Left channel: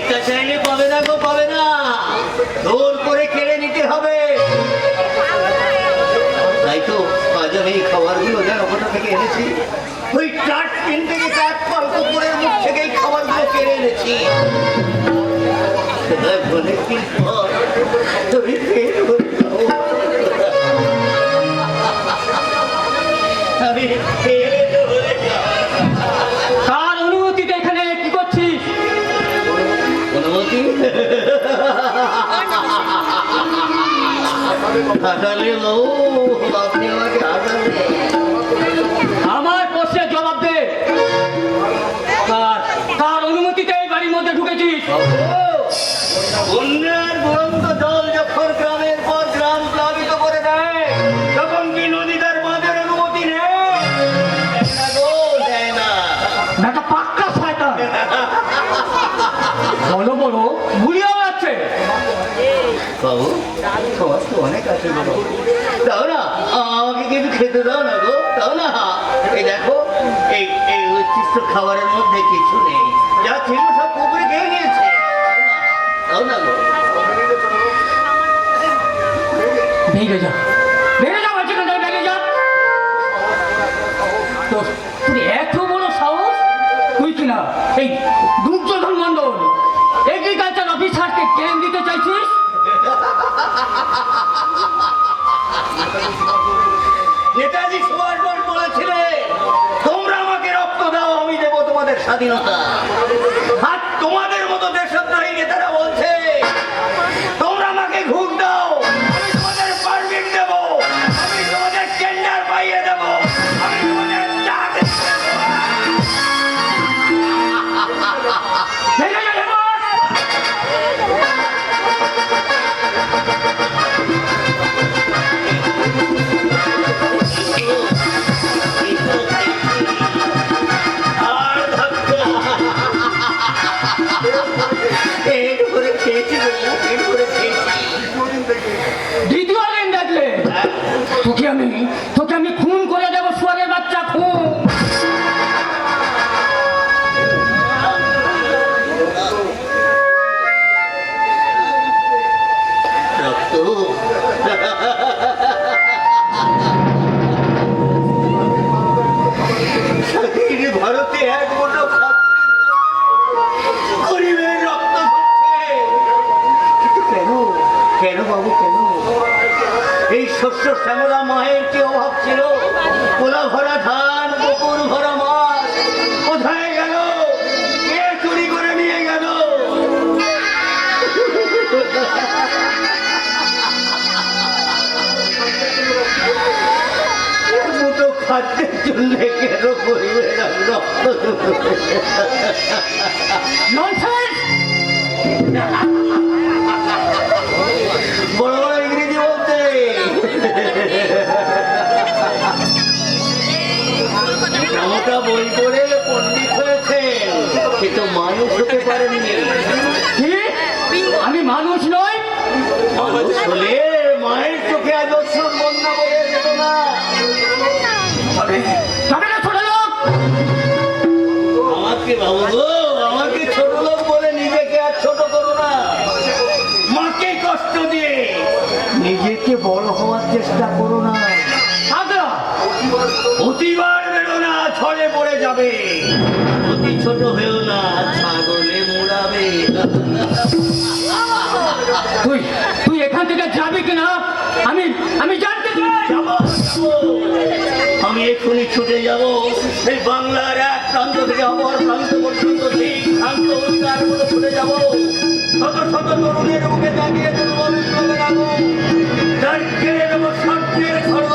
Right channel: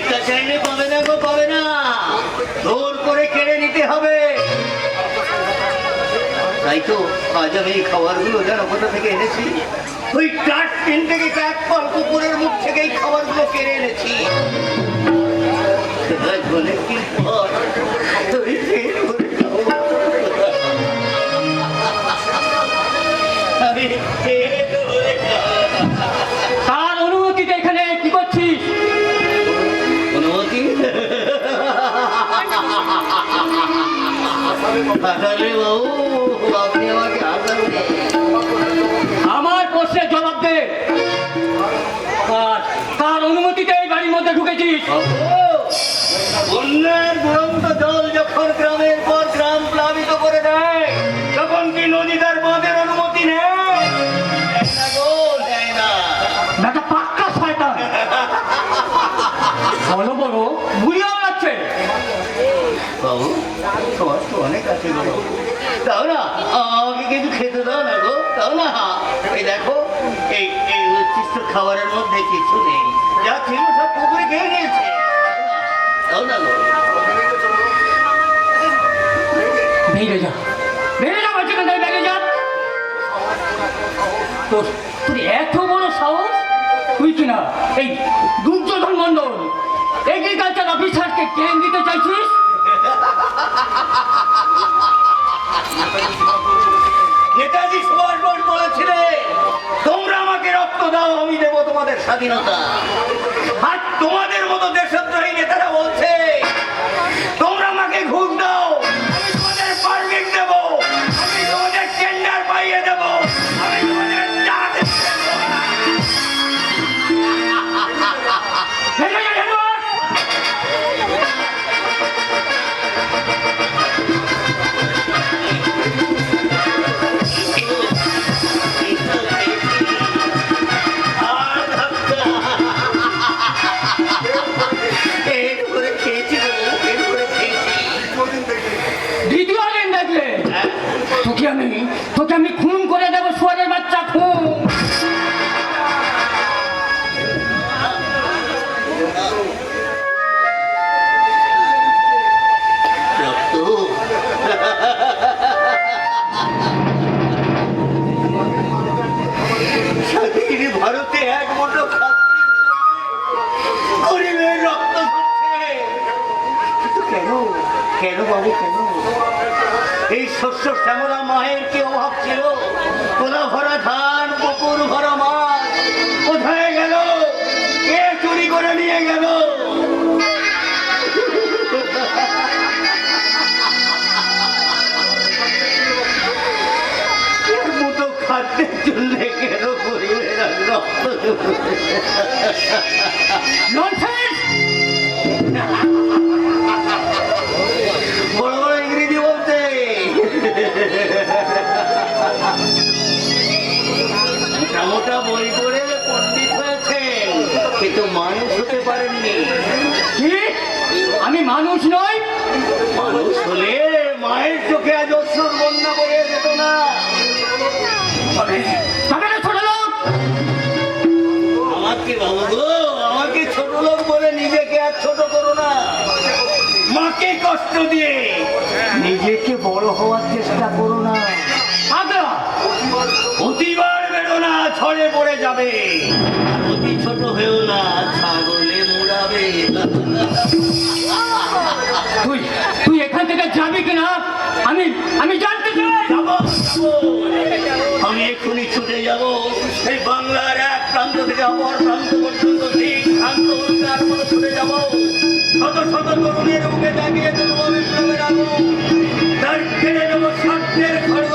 ভিক্ষা চাইলে পাবে না গো, পাবে না, জোর করে কেড়ে নিতে হবে। তাই তো আজ আমি এই খাবারগুলো যেন কোথা থেকে এনেছি, ওই ট্রাস্টিন থেকে চার কুকুরের মুখ থেকে এই খাবারগুলো কেড়ে এনেছি। অনেকদিন পর আমি কার অনুমতিতে এখানে কি করছিস? অনুমতি? হাসালে বাবু, আপনি আমাকে হাসালে। আমার প্রশ্নের জবাব দে। কার অনুমতিতে এই বাড়ির মধ্যে ঢুকেছিস? বন্যার দুরন্ত জল যখন গ্রামের পর গ্রাম প্লাবিত করে দেয়, তখন কি নদী তার বাঁধের অনুমতি নেয় না গো? নেয় না। একটা পাক্কা শয়তান, বড় বড় গুলিয়ে যাচ্ছে। বাবু তোমার তো অনেক আছে গো, দাও না আমাকে কিন্তু খেতে দাও না গো, দাও না। এই দেখো এই এই উচ্ছিষ্ট খাবারের মধ্যে কিছু নেই, যা ছিল সব পুকুরে খেয়ে নিয়েছে, দাও না গো। ভেঙে যা, ভেঙে যা, বলছি কোথায় ভেঙে যা। তোর এত বড় সাহস, তুই কিনা এই দুর্যোধন মন্ডল এগ্রিকালচার অফিসারকে ট্রেন দিতে চাইছিস? নেতাজি সুভাষ বোস বলেছিলেন, তোমরা আমাকে রক্ত দাও, আমি দেবো তোমাদের স্বাধীনতা। আর তোমাদের মতো দেশদ্রোহী নেতারা বলছে, তোমরা আমাকে ঘুষ দাও, আমি তোমাদের পারমিট দেবো, আমি তোমাদের টেন্ডার পাইয়ে দেবো, আমি তোমাদের চা দেবো। ভেঙে যা, ভেঙে যা। দ্বিতীয় দিন দেখলে তোকে আমি খুন করে দেবো, শুয়ারের বাচ্চা, খুন। স্বাধীন ভারতে এক মুঠো গরিবের রক্ত ঝরছে, কিন্তু কেন, কেন বাবু কেন? এই শস্য শ্যামলা মায়ের কি অভাব ছিল? কোলা ভরা ধান, পুকুর ভরা মাছ কোথায় গেল? কে চুরি করে নিয়ে গেল? মুঠো খাদ্যের জন্য কেন গরিবের রক্ত ঝরছে? বড় বড় ইংরেজি বলতে মোটা বই করে পণ্ডিত হয়েছেন, কিন্তু মানুষ হতে পারেননি। কি? আমি মানুষ নই? মানুষ হলে মায়ের চোখে আজ অশ্রুর বন্যা বয়ে যেত না। আমাকে বাবু গো, আমাকে ছোট লোক বলে নিজেকে আর ছোট করো না। মাকে কষ্ট দিয়ে নিজেকে বড় হওয়ার চেষ্টা করো না। অতিবার বেরো না, ছড়ে পড়ে যাবে। অতি ছোট হয়েও না, ছাগলে মুড়াবে। তুই এখান থেকে যাবি কিনা আমি জানতে চাই। আমি এক্ষুনি ছুটে যাব এই বাংলার এক প্রান্ত থেকে অপর প্রান্ত পর্যন্ত, ঠিক প্রান্ত উদ্ধার করে ছুটে যাব। শত শত তরুণের মুখে জাগিয়ে তুলব বিপ্লবের আগুন। তার কেড়ে নেব স্বার্থের খড়গ,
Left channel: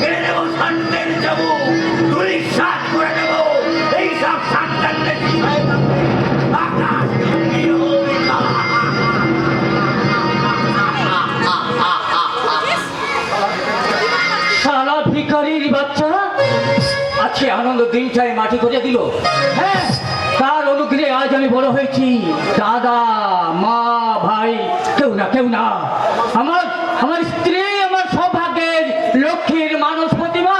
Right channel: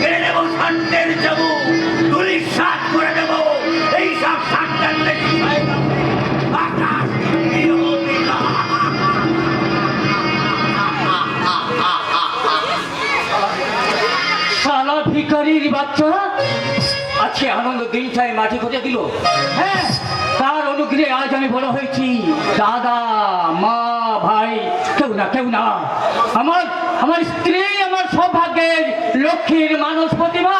কেড়ে নেব স্বার্থের চাবু, তুলি সাত করে দেব এইসব স্বার্থান্বের বিষয় আকাশ সালা ভিখারির বাচ্চা আজকে আনন্দ দিনটাই মাটি করে দিল। হ্যাঁ, তার অনুগ্রহে আজ আমি বড় হয়েছি। দাদা, মা, ভাই কেউ না। আমার স্ত্রী আমার সৌভাগ্যের লক্ষ্মীর মানুষ প্রতিমা।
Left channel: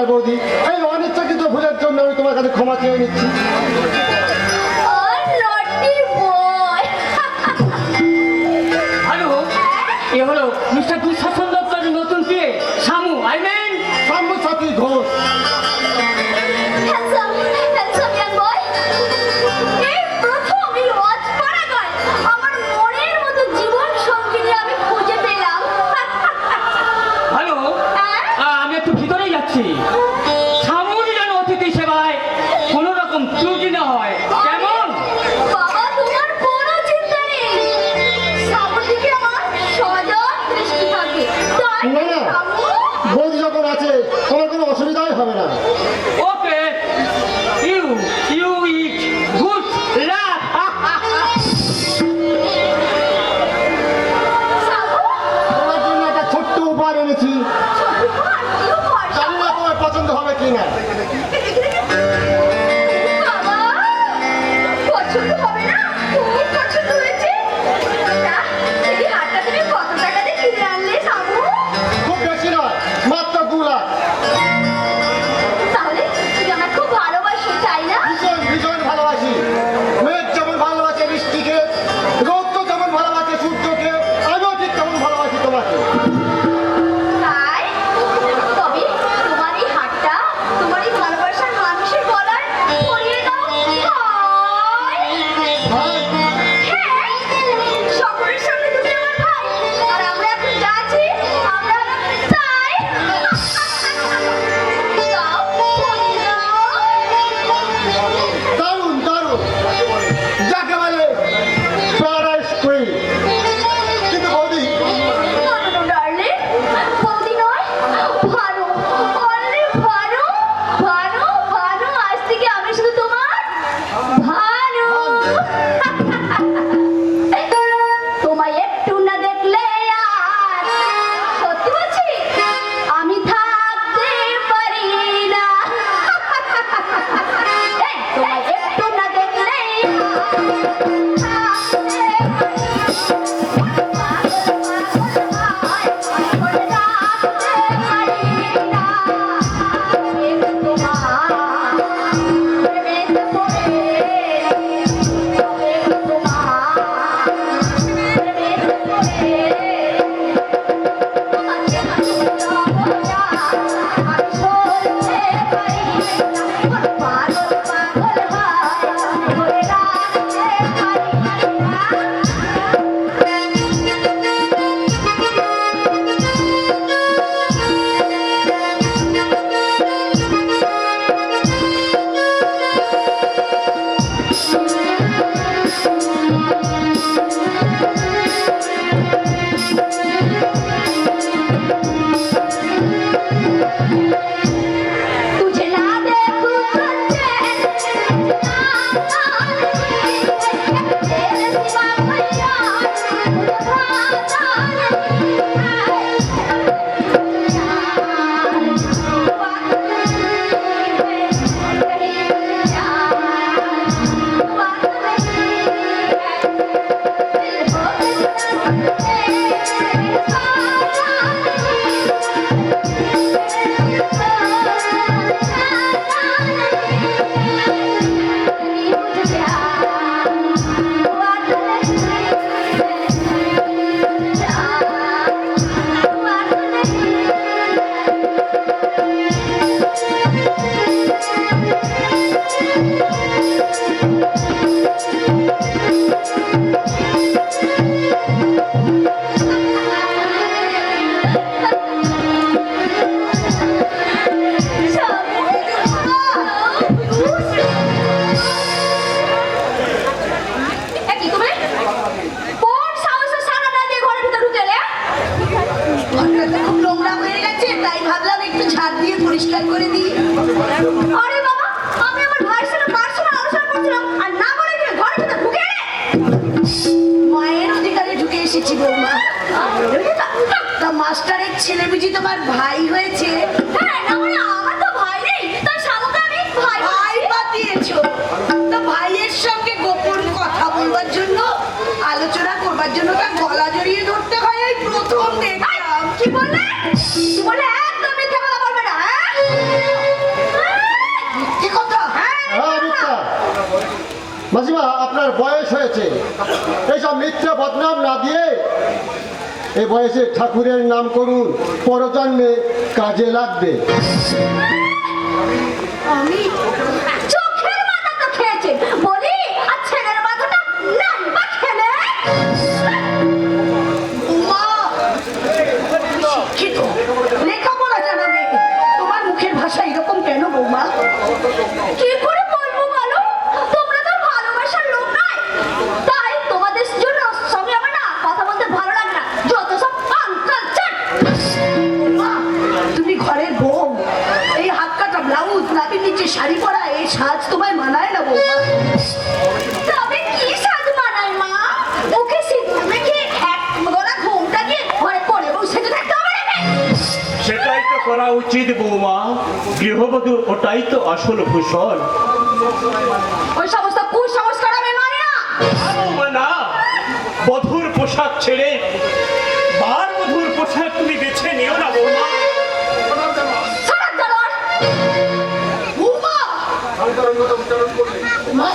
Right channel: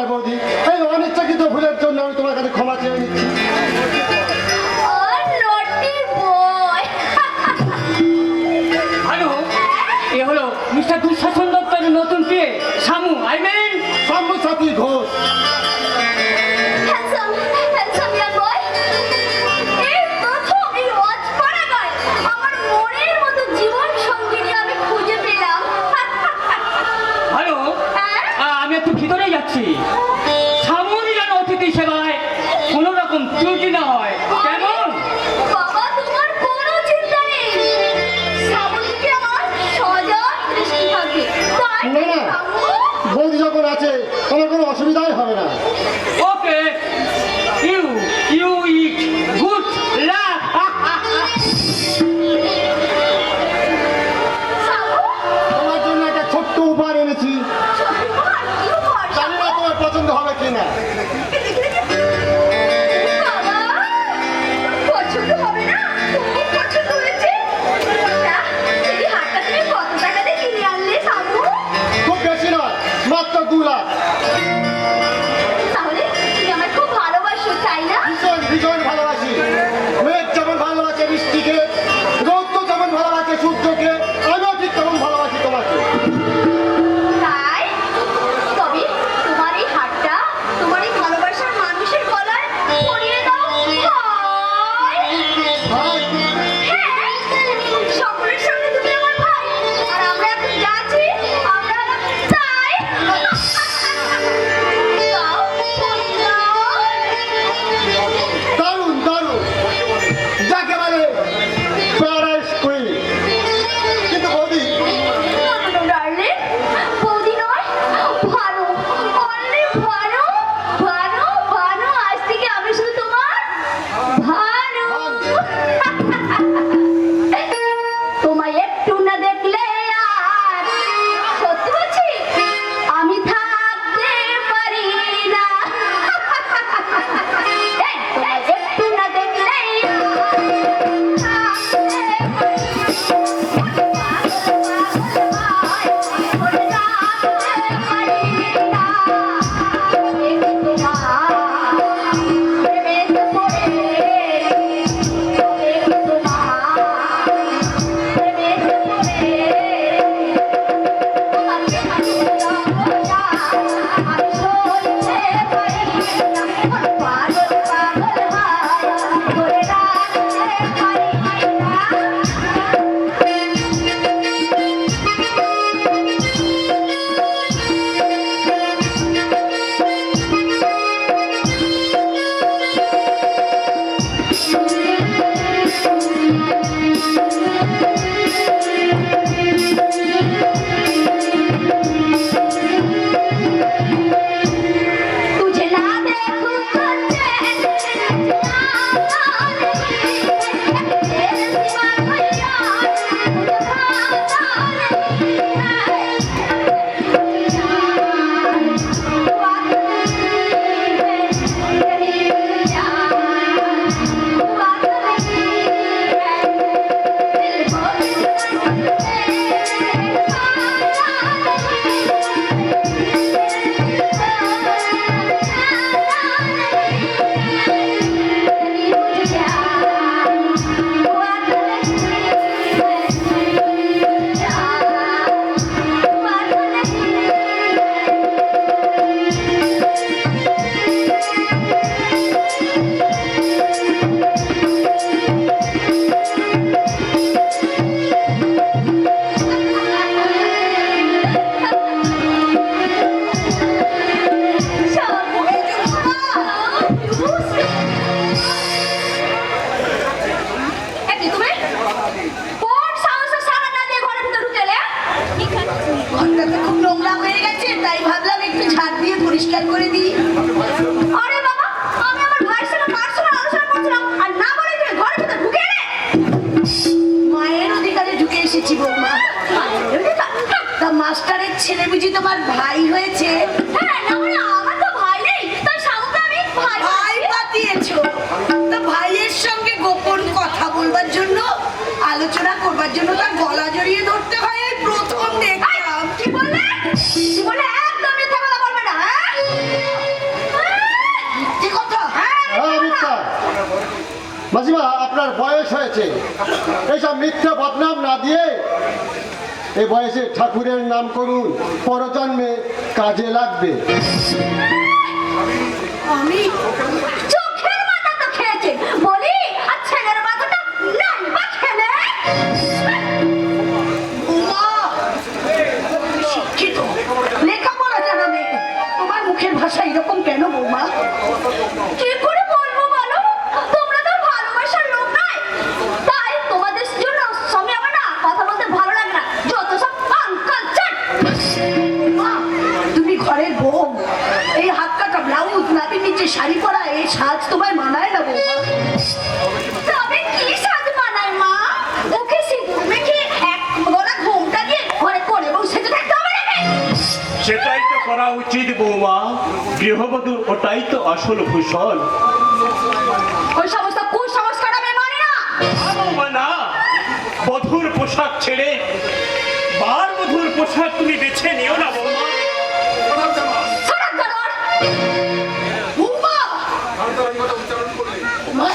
আর বৌদি, এই অনিচ্ছাকৃত ভুলের জন্য আমি তোমার কাছে ক্ষমা চেয়ে নিচ্ছি। হ্যালো, এ হলো মিস্টার দুঃশাসন দপ্তরের নতুন পেয়ে Shamu, I mean Shamu Sathi Ghosh. Hello, আমি একটু ভিতরেই যাচ্ছি। শামুর যেন অতিথি সেবায় কোনো রকম ত্রুটি না হয়, কেমন? না না, বৌদি যখন আছে তোমার কোনো অসুবিধাই হবে না। Okay, you you it good luck. তোমার জন্য একটা ছোট্ট উপহার এনেছি, জানি না তোমার পছন্দ হবে কি না। পছন্দ হবে না, খুব পছন্দ হয়েছে। এই হারটা তুমি কত টাকা দিয়ে কিনে আনলে সাবু? খুব বেশি নয়, মাত্র 2 লাখ। তাহলে তুমি আমায় খুব ভালোবাসো, তাই না? ভীষণ ভীষণ ভালোবাসি। মেঘ যেমন ভালোবাসে বৃষ্টিকে, রৌদ্র যেমন ভালোবাসে সূর্যকে, আমিও ঠিক তেমন ভালোবাসি তোমাকে। তাই? তবে তোমার এই হারটা তোমার এই ভালোবাসার মানুষের গলায় পরিয়ে দাও। ভাই, হ্যাঁ, সকলের সামনে তুমি আমার ভাই, আর আমরা এখন যা আছি, আমরা তাই। দাও, দারুণ দারুণ, যাকে বলে প্যারাডাইস কুইন। কিন্তু বৌদি, ডার্লিং, বৌদি নয়, ভানু, only ভানু, ভানু, ভানু, আজ থেকে আমি শুধু তোমার ভানু। তোমায় একটু না দেখলে আর সত্যি বলছি আমি থাকতে পারি না। এই, তোমায় একটু না দেখলেই तुझे ना देखूं পরিষ্কার করে দিই। আরে বাবা, আমি আমার ভাইয়ের সাথে পার্সোনাল আলোচনা করছিলাম আর না বলে তুমি ঘরের ভিতর ঢুকে এলে। মায়ের অধিকারে ঢুকে এসেছি বৌমা। তা মাস্টারের ছেলে বুঝি তোমার ভাই হয়েছে? হ্যাঁ, না মানে আমার তো ভাই নেই, তার সামনে আমি ভাই পাতিয়েছো। তা ভাইয়ের সঙ্গে গোপন কথা বলবার জন্য, আলোচনা করবার জন্য তার গলা জড়িয়ে ধরতে হয়, এই প্রথম দেখলাম। কি বললে? কি বলে? একদম মিথ্যা কথা বলবে না, হ্যাঁ? মাসিমা আপনার বয়স হয়েছে, এইসব মিথ্যা বদনাম না দিয়ে এই বয়সে ঠাকুরের নাম করুন, পরজন্মে কাজে লাগবে। আমি চোখের মাথা তো খেয়েছে বলি, আর ছেলের মাথাটা লাম্বা খেলে। মা শিক্ষিত, লেখাপড়া জানা নেই, তোমার মুখের ভাষা এরকম কেন বৌমা? কি করে বলবো বলো, তোমরা তো ভালোবাসার লোক নয়, তাই তোমাদের জন্য সঙ্গে আমার না কথা বলতে ভালো লাগে না, যত সব আনকালচার। তুমি ঘরের বউ, এই হাত কাটা ব্লাউজ, নাতির নিচে শাড়ি পরা, এই সাজ তোমায় মানায় না বৌমা। তবে কি সাজ মানায় মা? মুখে সিঁদুর মেখে এক গলা ঘোমটা দিয়ে ঘরে পরে বসে থাকতে হবে নাকি? সেটাই তো করা উচিত বৌমা, গৃহবধূ ওটাই তো আসল ভূষণ। ওই সমস্ত কুসংস্কার আমি মানি না। না, বধূর পোশাক ছেড়ে বার বধূর পোশাক তুমি বেছে নিও না বৌমা। সারাক জানোয়ার। বৌমা! মা!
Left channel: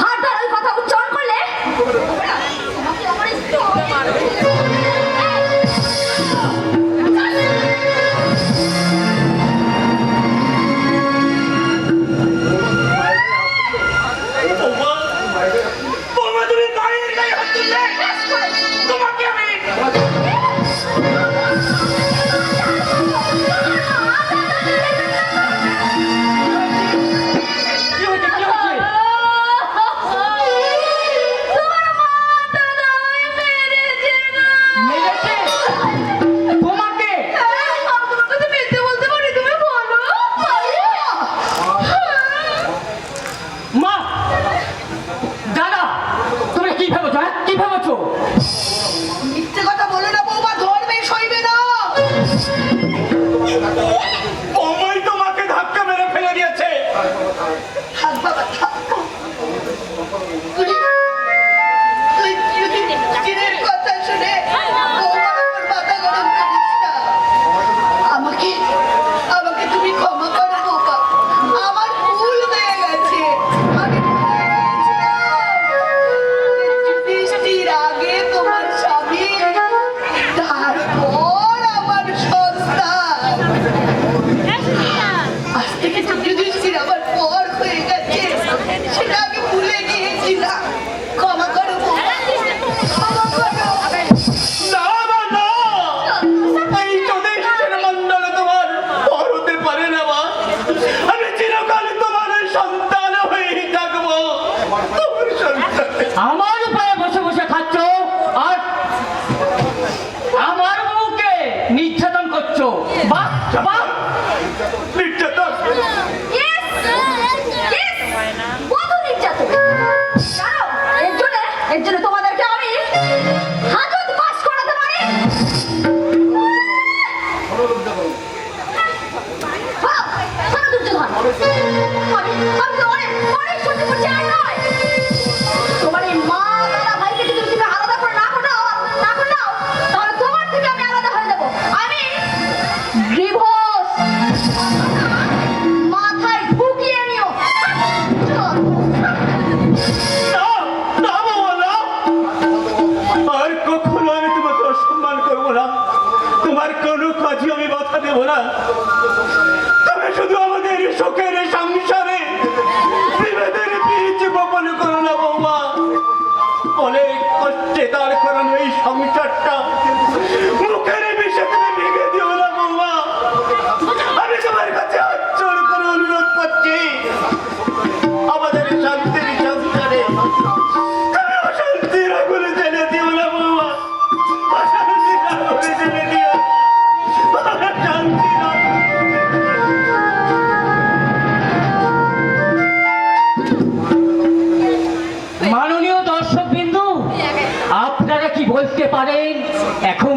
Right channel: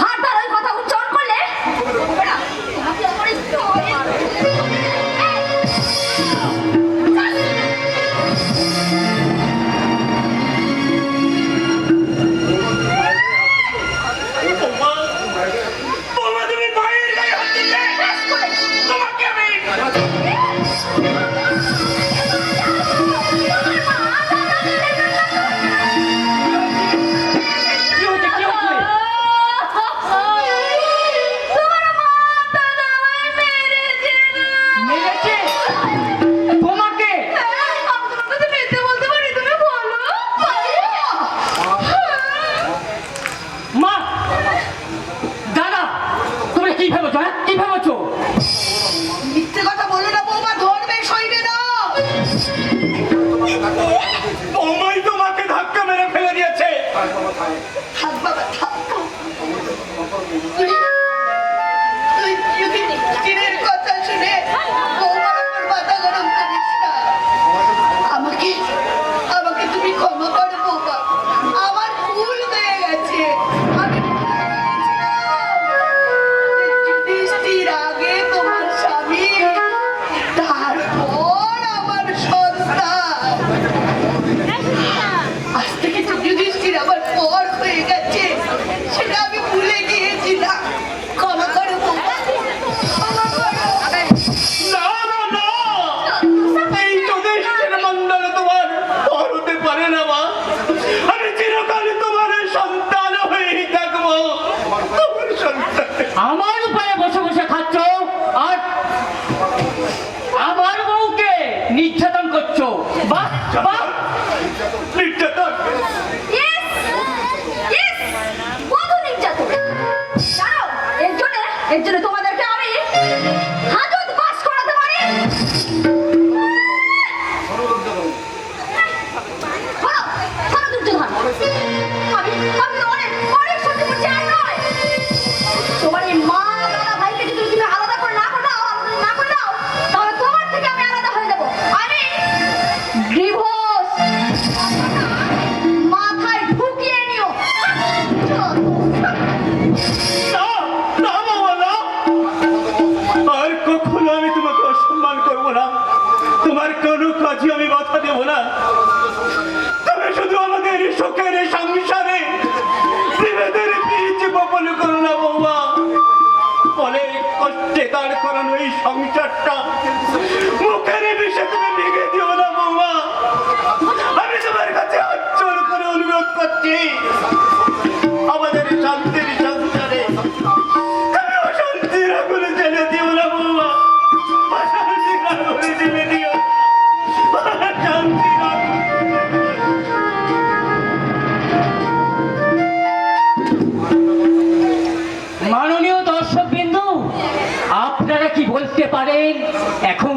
ভাটার ওই কথা উচ্চারণ করলে হবে না। তোমাকে আমার একটু হবে। বৌমা, বৌমা তুমি মায়ের গায়ে হাত দিলে, তোমাকে আমি কি হচ্ছে কি হচ্ছে? মেরেছে তোমাকে? মা, দাদা, তোমরা কি ভেবেছো? হ্যাঁ, কি ভেবেছো? মিথ্যে কথা বলো না বৌমা, ধরবে সইবে না। বৌমাই তোমাকে ধাক্কা মেরে ফেলে দিয়েছে। থাক বাবা, থাক। তুই যদি চিনের কথা শুনে বৌমা আমার মাথা গরম করিস না। আমাকে তুমি ক্ষমা করো বৌমা, আমার ভুল হয়ে গেছে। আমি বৃষ্টির আগে তোমার স্বামী, তারপর আমার সন্তান। আজ থেকে যুধিষ্ঠির আমার পর হয়ে গেছে, সেটা আমি ভুলে গিয়েছিলাম। ক্ষমা করো বৌমা, ক্ষমা করো। না না না, এই যুধিষ্ঠির মণ্ডল তোমার পর হতে পারে না মা। আমি চিরকাল তোমার সন্তান হয়েই থাকবো, তোমার সন্তান। আমার পায়ে বসে বসে খাচ্ছ আর আমার বউকে নির্যাতন করছো। বাহ বাহ, নির্যাতন? Yes! Yes! বধূ নির্যাতন। জানো, এর জন্য তোমাদেরকে আমি হাজত পাস করাতে পারি। হ্যাঁ, শোনো দুর্যোধন, আমি তো অনেক সহ্য করছি, আর নয়। তোমার এই মা দাদা ভাইকে যদি তুমি আলাদা করে না করে দাও, তাহলে তোমার থেকে আমি আলাদা হয়ে যাবো। আমি ডিভোর্স মাথায় ঢুকিয়ে নিও। না না বাবা, না। আর কখনো আমি তোমাকে অসম্মান করবো না, তোমার কোনো কাজে আমি বাধা দেবো না। তুমি শুধু আমাদের সুখের সংসারে বিভেদের বীজ বপন করো না বৌমা। অনেক কষ্টে দাঁড় করানো এই সংসারটা মুখের বিষে তুমি ভেঙে দিও না বৌমা। আমি তোমার কাছে অঞ্চল করে অনুরোধ করছি, আমাদের শান্তির সংসারে তুমি অশান্তির আগুনে জ্বেলে দিও না বৌমা। অশান্তির আগুনে জ্বেলে দিও না। শান্তির আগুনে। মাননীয় দর্শক বিন্দু, আপনারা কি বলতে পারেন এখন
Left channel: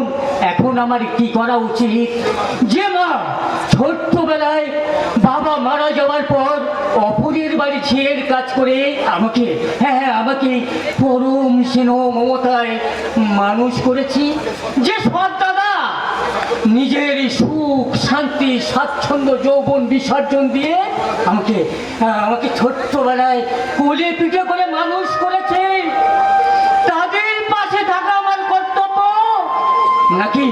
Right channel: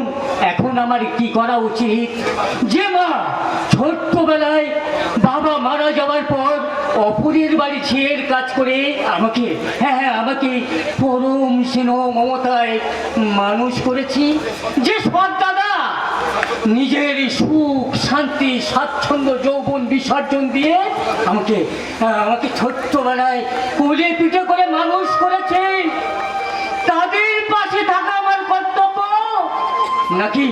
এখন আমার কি করা উচিত? যে মা ছোট্টবেলায় বাবা মারা যাওয়ার পর অপরের বাড়ি ঝিয়ের কাজ করে আমাকে আমাকে পরম স্নেহ মমতায় মানুষ করেছি, যে সৎ দাদা নিজের সুখ শান্তি শক্তি স্বাচ্ছন্দ্য যৌবন বিসর্জন দিয়ে আমাকে আমাকে ছোট্টবেলায় কুলে পিঠে করে মানুষ করেছে। তাদের পাশে থাকা আমার কর্তব্য, নাকি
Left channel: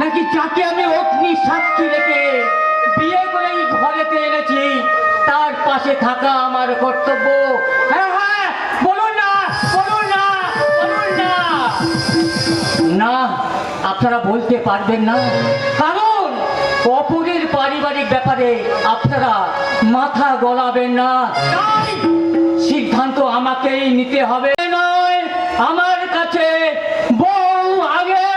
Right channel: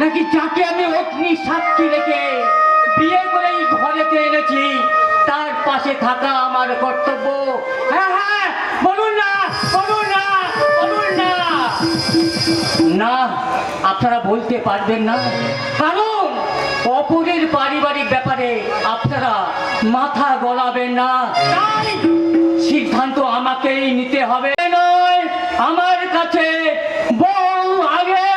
নাকি যাকে আমি অগ্নি সাক্ষী রেখে বিয়ে করে এই ঘরেতে এনেছি তার পাশে থাকা আমার কর্তব্য? হ্যাঁ হ্যাঁ, বলুন না, বলুন না, বলুন না। না, আপনারা বলতে পারবেন না, কারণ অপরের পারিবারিক ব্যাপারে আপনারা মাথা গলাবেন না। তাই সিদ্ধান্ত আমাকেই নিতে হবে। নয়, আমার কাছে বউ আগে।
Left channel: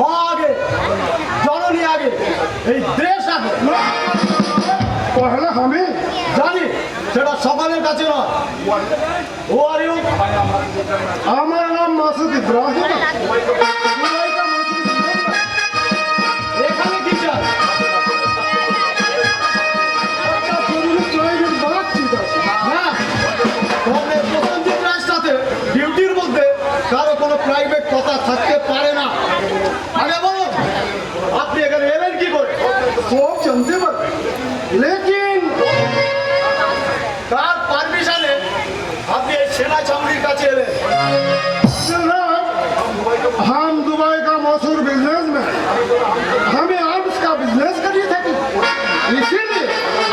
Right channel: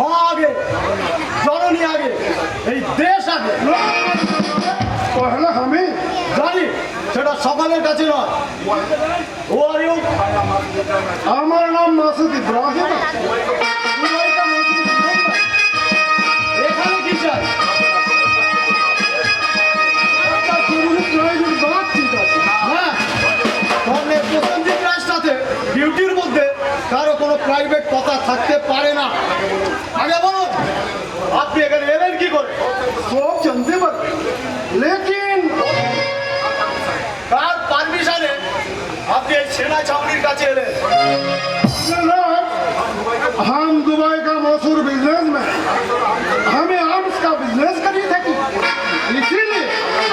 মা আগে, জননী আগে, এই দেশ আগে। পহলা আমি জানি সেটা সকলের কাছে না। ও আর ইউ? আমার নাম মাসুদ ইব্রাহিম। এখানে কি চাই? ডিউটির মধ্যে কারো কোনো প্রাইভেট কথা থাকতে পারে না। আগে বলুন, আপনি এখানে এলেন কি করে? সব জানতে পারবেন, লেকিন কার পারমিশনে আপনি এই সেনা চামড়ির কাছে এলেন? हम दुबई का मशहूर बिजनेसमैन, हमें आर्म्स का बिजनेस करिए থাকি, इसीलिए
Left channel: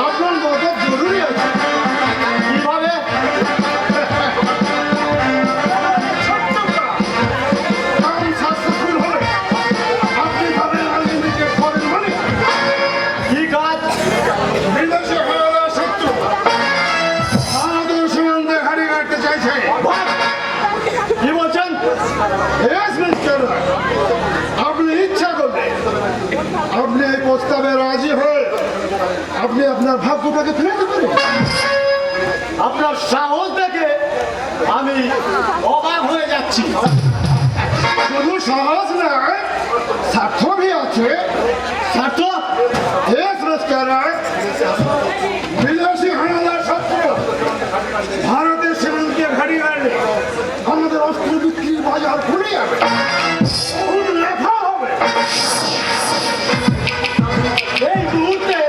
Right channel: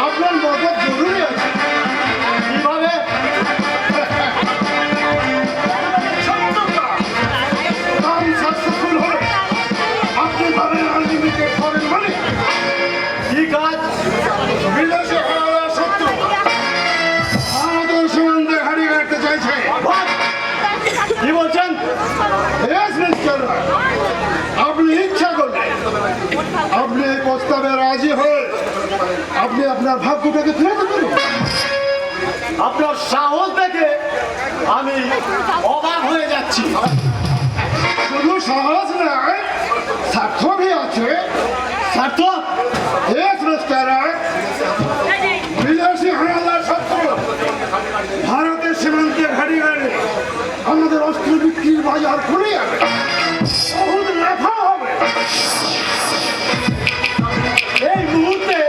আপনার মদত জরুরি আছে। কিভাবে? কাম সাকসেসফুল হলে আপনি পাবেন আনলিমিটেড ফরেন মানি। কি কাজ? বিদেশে হারা শত্রু আমাদের সীমান্তে হাড়ি কাটতে চাইছে। কি বলছেন? আপনি ইচ্ছা করলে আপনি এই প্রস্তাবে রাজি হয়ে আপনি আপনার ভাগ্যটাকে ফেরত করেন। আপনার সাহস দেখে আমি অবাক হয়ে যাচ্ছি। শুধু সাহস নয়, স্বার্থ ভি আছে। স্বার্থ? বিদেশি হানাদার শত্রু ভারতের সীমান্তে ঘাড়ি গাড়লে আমাদের অস্ত্র বিক্রির বাজার খুলে যাবে, বহুত লাফা হবে। এই মুহূর্তে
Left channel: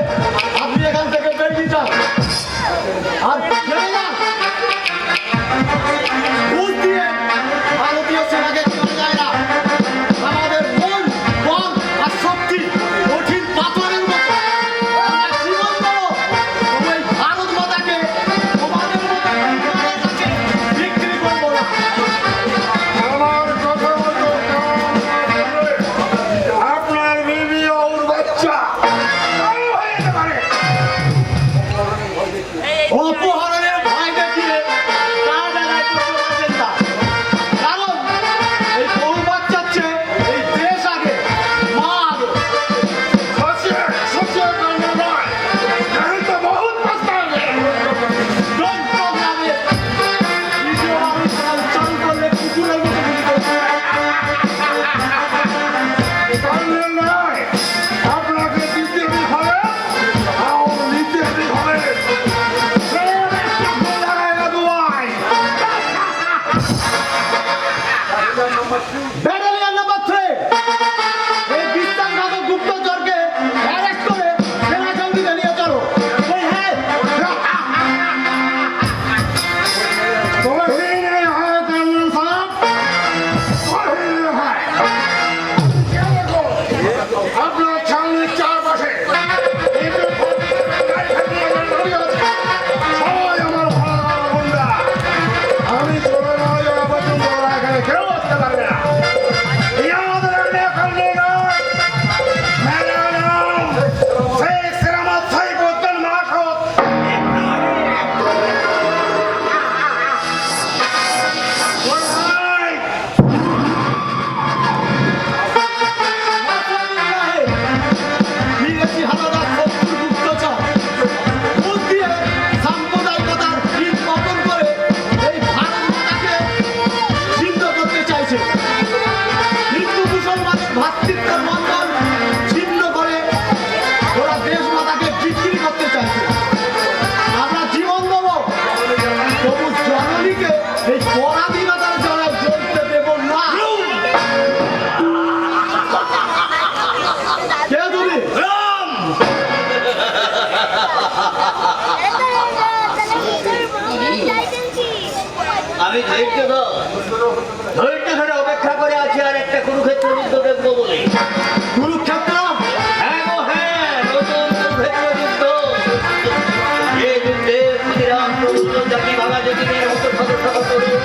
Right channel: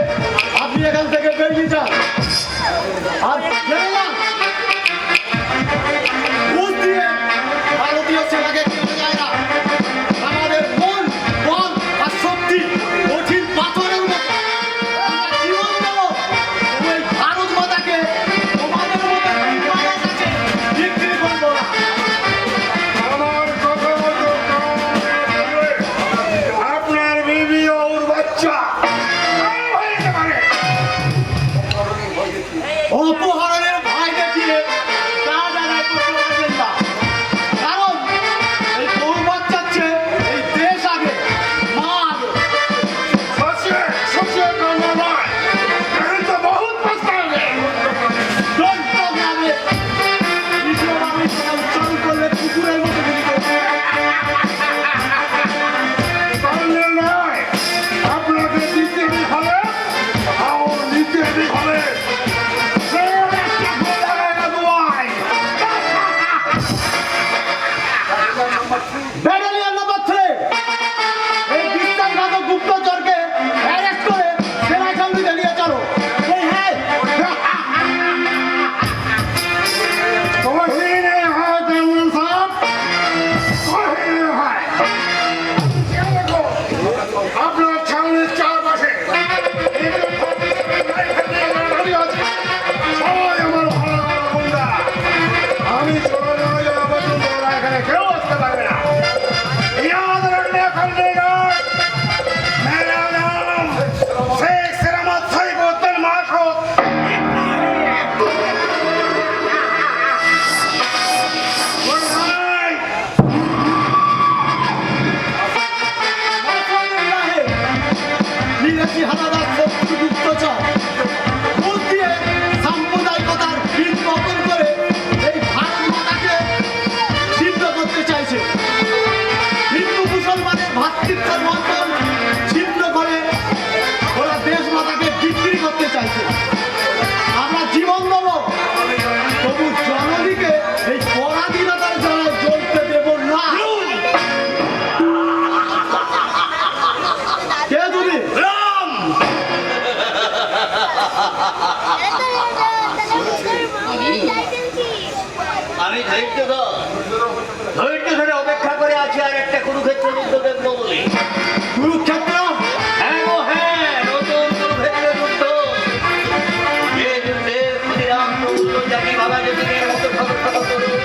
আপনি এখান থেকে বেরিয়ে যান আর ফেরে যান। বুঝ দিয়ে ভারতীয় সেনাকে কেনা যায় না। আমাদের মন, বল আর শক্তি কঠিন পাথরের মতো। আমরা জীবন দেবো, ওই ভারত মাতাকে তোমাদের মতো বিমানের কাছে বিক্রি করবো না। আমার কথা মতো আপনার বিবি ওর বাচ্চা অপহরণের ভয় দেখিয়ে তা জায়গায় করতে পারবেন না। কারণ এই গরু বাচ্চার চেয়ে এই দেশ আগে, মা আগে। সবচেয়ে কান্না নয়, জানি তো বহুত পস্তাবে। দৈত্যভাবে দ্বিতীয় আমি চাল করলে কুকুরের মতো গুলি করবে। কান্না নয়, আপনাকে দিতে হবে, আর নিতে হবে। খালি ধৈর্য ধরে অপেক্ষা করে আছে আর একটা কুরুক্ষেত্র যুদ্ধ দেখবো বলে। কুরুক্ষেত্র হ্যাঁ গো হ্যাঁ, নতুন কুরুক্ষেত্র যুদ্ধ। যে যুদ্ধে ক্ষুদিরাম প্রভুত্ব জাতি ভাগা জাতিদের মতো শত শত তরুণ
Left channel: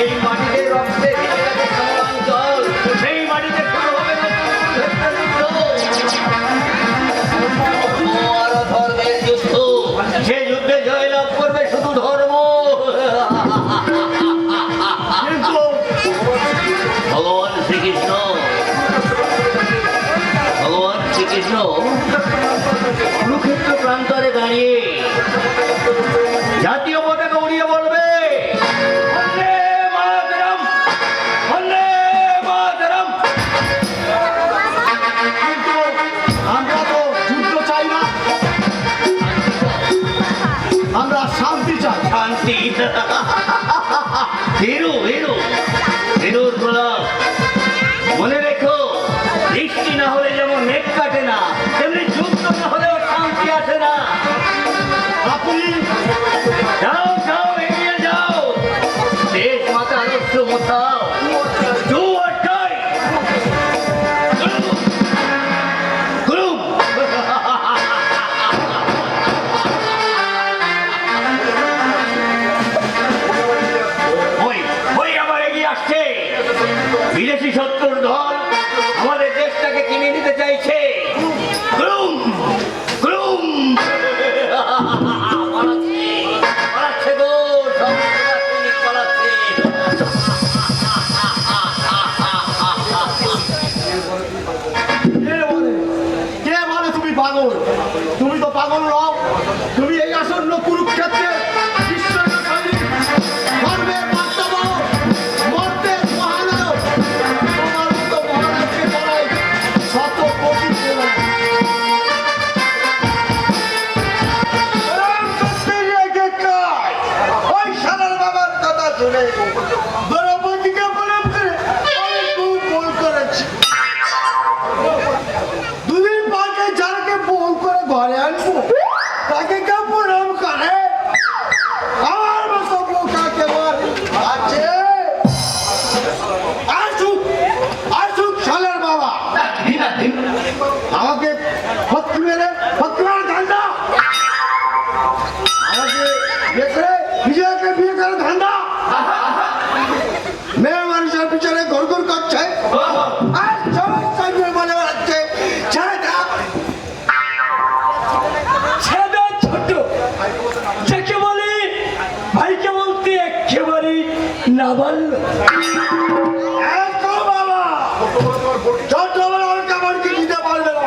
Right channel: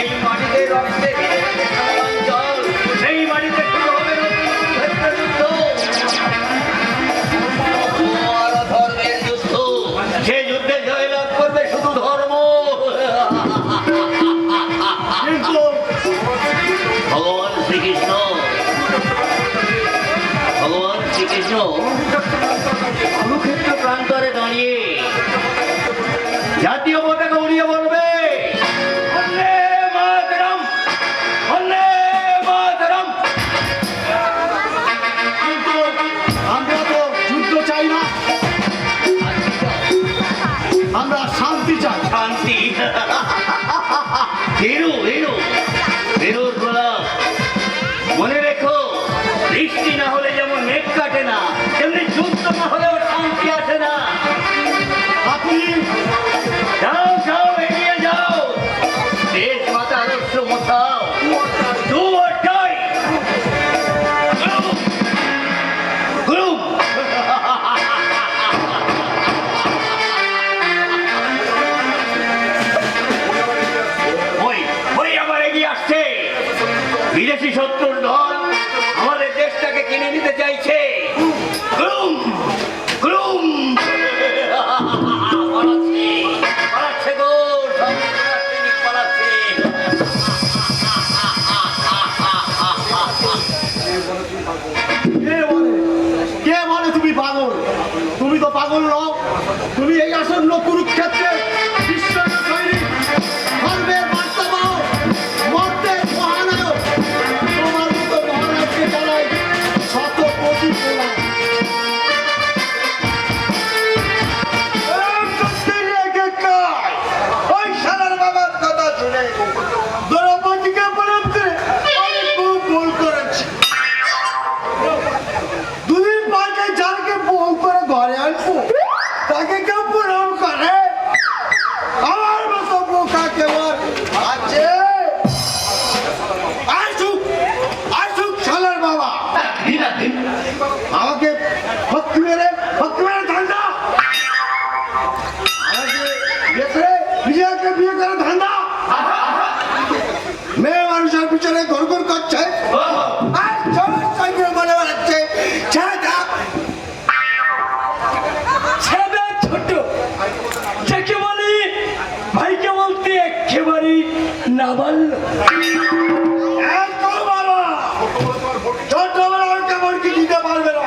এই মাটিতে রক্তে ভিজে গেছে সমরাঞ্চল। সেই মাটিতে শুরু হবে নতুন কুরুক্ষেত্র যুদ্ধ। আর ধর্মের যুদ্ধ। সে যুদ্ধে জয়লাভ করবে শুধু ধর্ম। কিন্তু ভগবান শ্রীকৃষ্ণ কুরুক্ষেত্র প্রান্তরে দাঁড়িয়ে জাতীয় পতাকা উড়িয়ে বলবে, বন্দে মাতরম, বন্দে মাতরম। কিন্তু আমরা তো যুদ্ধ চাই না, আমরা শান্তি চাই। শান্তি। হিরুর প্রলাপ। মনে রেখো, বৃষ্টি না হলে যেমন মেঘ কাটে না, তেমনি যুদ্ধ না হলেও শান্তি আসে না। আপনি যাও যাও, এগিয়ে যাও, দেশ মাতা আদর্শ মোথাও। Do or die. গুরুম। ওই আবার এগিয়ে আসছে বিদেশি শত্রুর দল, আমাদের দেশটাকে কিনে নিতে চাইছে। গুরুম গুরুম। পালাচ্ছে গো, সৈনিক পালাচ্ছে। কে বলে তুমি পাগল? তুমি তো পাগল নও। তুমি এই আসন্ন কুরুক্ষেত্রে বিশ্ব সৈনিক, ধর্মের বার্তাবহ, মর্তের মহানায়ক। তোমার মতো মহানায়ককে বলাই শত কোটি প্রণাম। ওই সানার বাবার কথা শুনে দ্রৌপদীকে প্রণাম করে আমি খুব ভুল করেছি। দুদিন বাদে যাকে বউ করে ঘরে আনবো তাকে কেউ প্রণাম করে? আমার মতো বোকা কেবল আছে? আসুক আসুক সানার বাবা, আমাকে ভক্তি মেরে ধান্দা, আমাকে বেসে বিজয়কে বিয়ে করে ধান্দা। মেয়ে মানুষের পিছনে ঘর করছে আর চোখ কাটিয়ে বলে বেড়াচ্ছে ছেলেটা ছোট যাকে বলে ভাইকে বলতে একেবারে নাবাল্য। বাবা ছোট বড় কেমন কি দিতে পারবে না,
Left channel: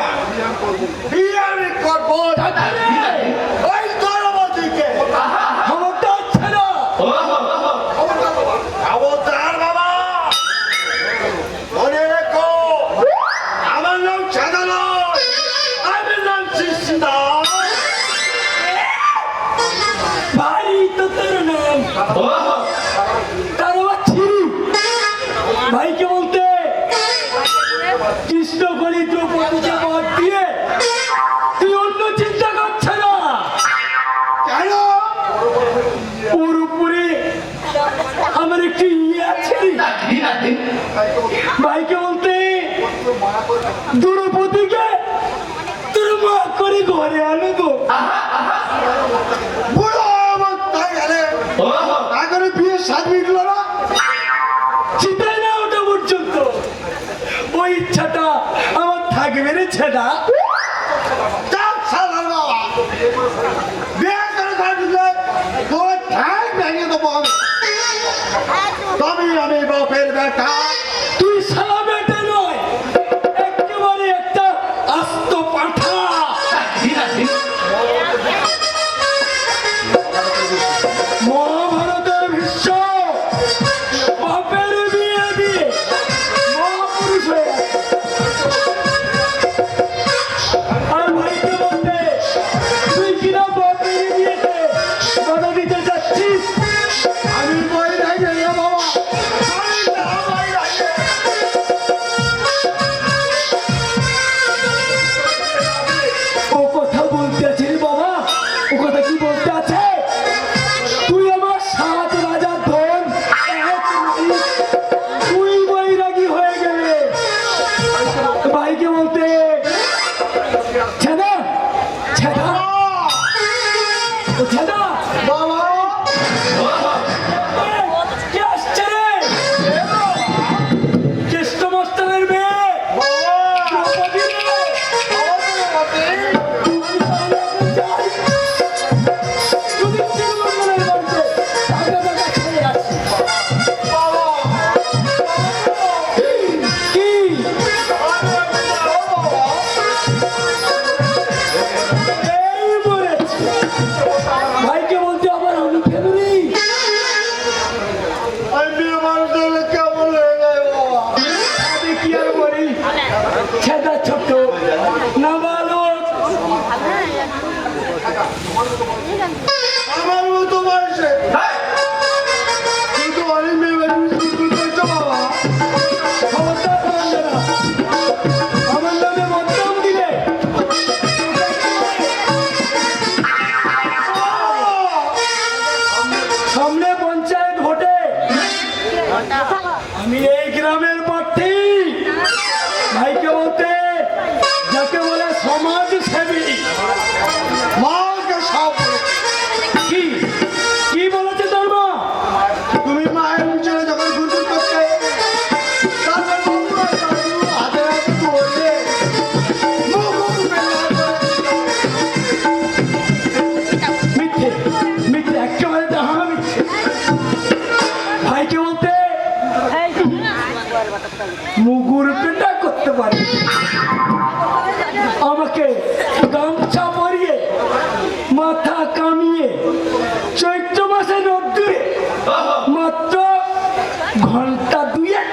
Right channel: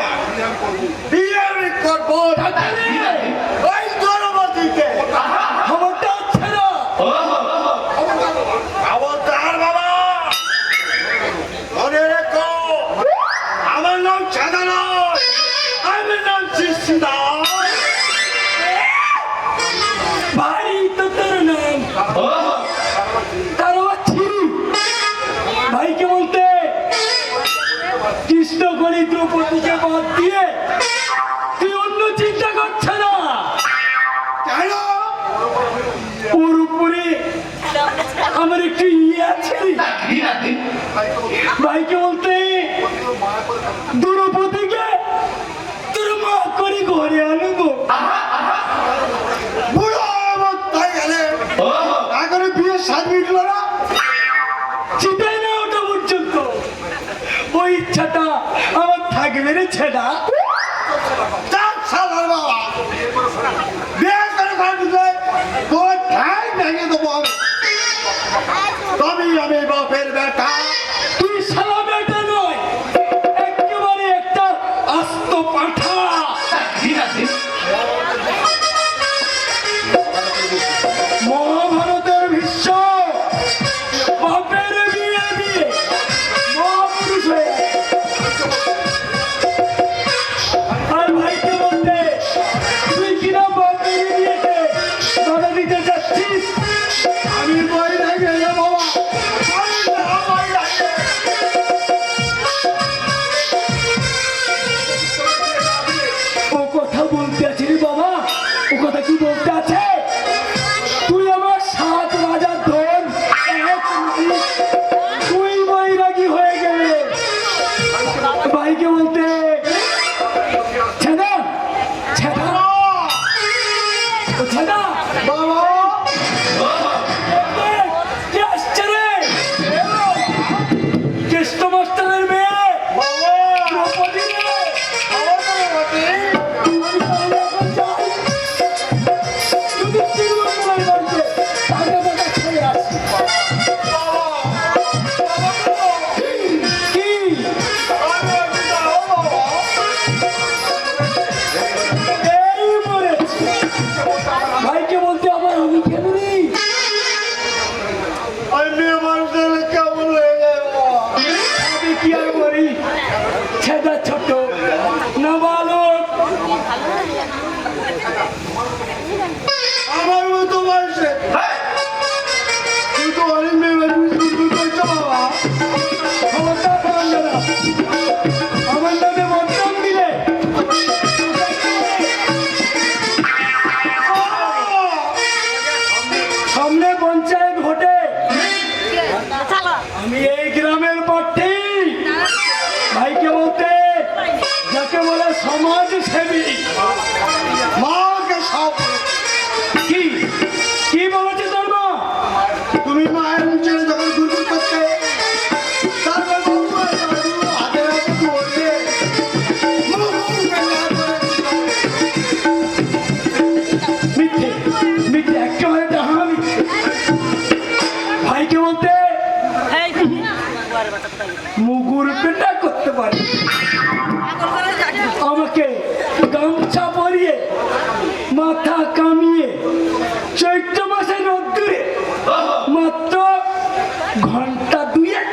বিয়ে আমি করবো ওই দ্রৌপদীকে। খবরটা হচ্ছে না। খবরদার বাবা, মনে রেখো আমার নাম সাদা নয়, আমার নাম শিশিদাস। ভাই তো তোর নাম, তার আবার ছিরু। ভাইকে বলতে কৃষ্ণ বলি দ্রৌপদীকে বাদ দিয়ে তুই অন্য চিন্তা করছে না। কেন? ওর উপরে আমার একটু ইয়ে আছে রে। ভাইকে বলতে দ্রৌপদীকে তোর মা করে ঘরে আনো গো। বুড়ো অবস্থায় গেলে এখন বিয়ে সাজ মিটল না। চিন্তাই না ওটা পর্যন্ত, ওই ইচ্ছাটা আমার থাকবে রে ছেদা। যাক সাদার বাবা, বিয়ে করে থাকলে তোর ঠ্যাং ভেঙে দেবো আমি। তবেই আমি বাপের বেটা। তুই সারা বেটা নয়, একেবারে একটা আস্ত পাঠা। মহাভারতের ভীষ্ম বাপের বিয়ে দিয়ে মহাপুরুষ হয়ে গেছে। আর ভাইকে বলতে তুই কিনা বাপের বিয়েতে বাধা দিতে যাচ্ছিস। আমি বই দেখে বাবা, বই দেখে। ও কথা বলতে আছে রে বাবা, ও কথা কি বলতে আছে? তুই আমার 7 রাজার ধন সামনে পঞ্চায়েত ভোটে আমি এই গ্রামের প্রার্থী ভাইকে বলতে যাকে বলে সমাজ সেবী মাকে সব কি কি বলেছে তোর মা তুমি মায়ের পিছনে যখন ঘুরঘুর করতে তারপর বলতো, দাদু হাতে হাতে ধরে মুখ বেলা করে মিথ্যে মিথ্যে একেবারে ডাহা মিথ্যে ভাইকে বলতে মুগুর পেটা করতে পারে আমাকে গামছা পরিয়ে মাথা কামিয়ে চৈত্র মাসে রোদ্দুরে মাত্র ঘন্টা দুয়েক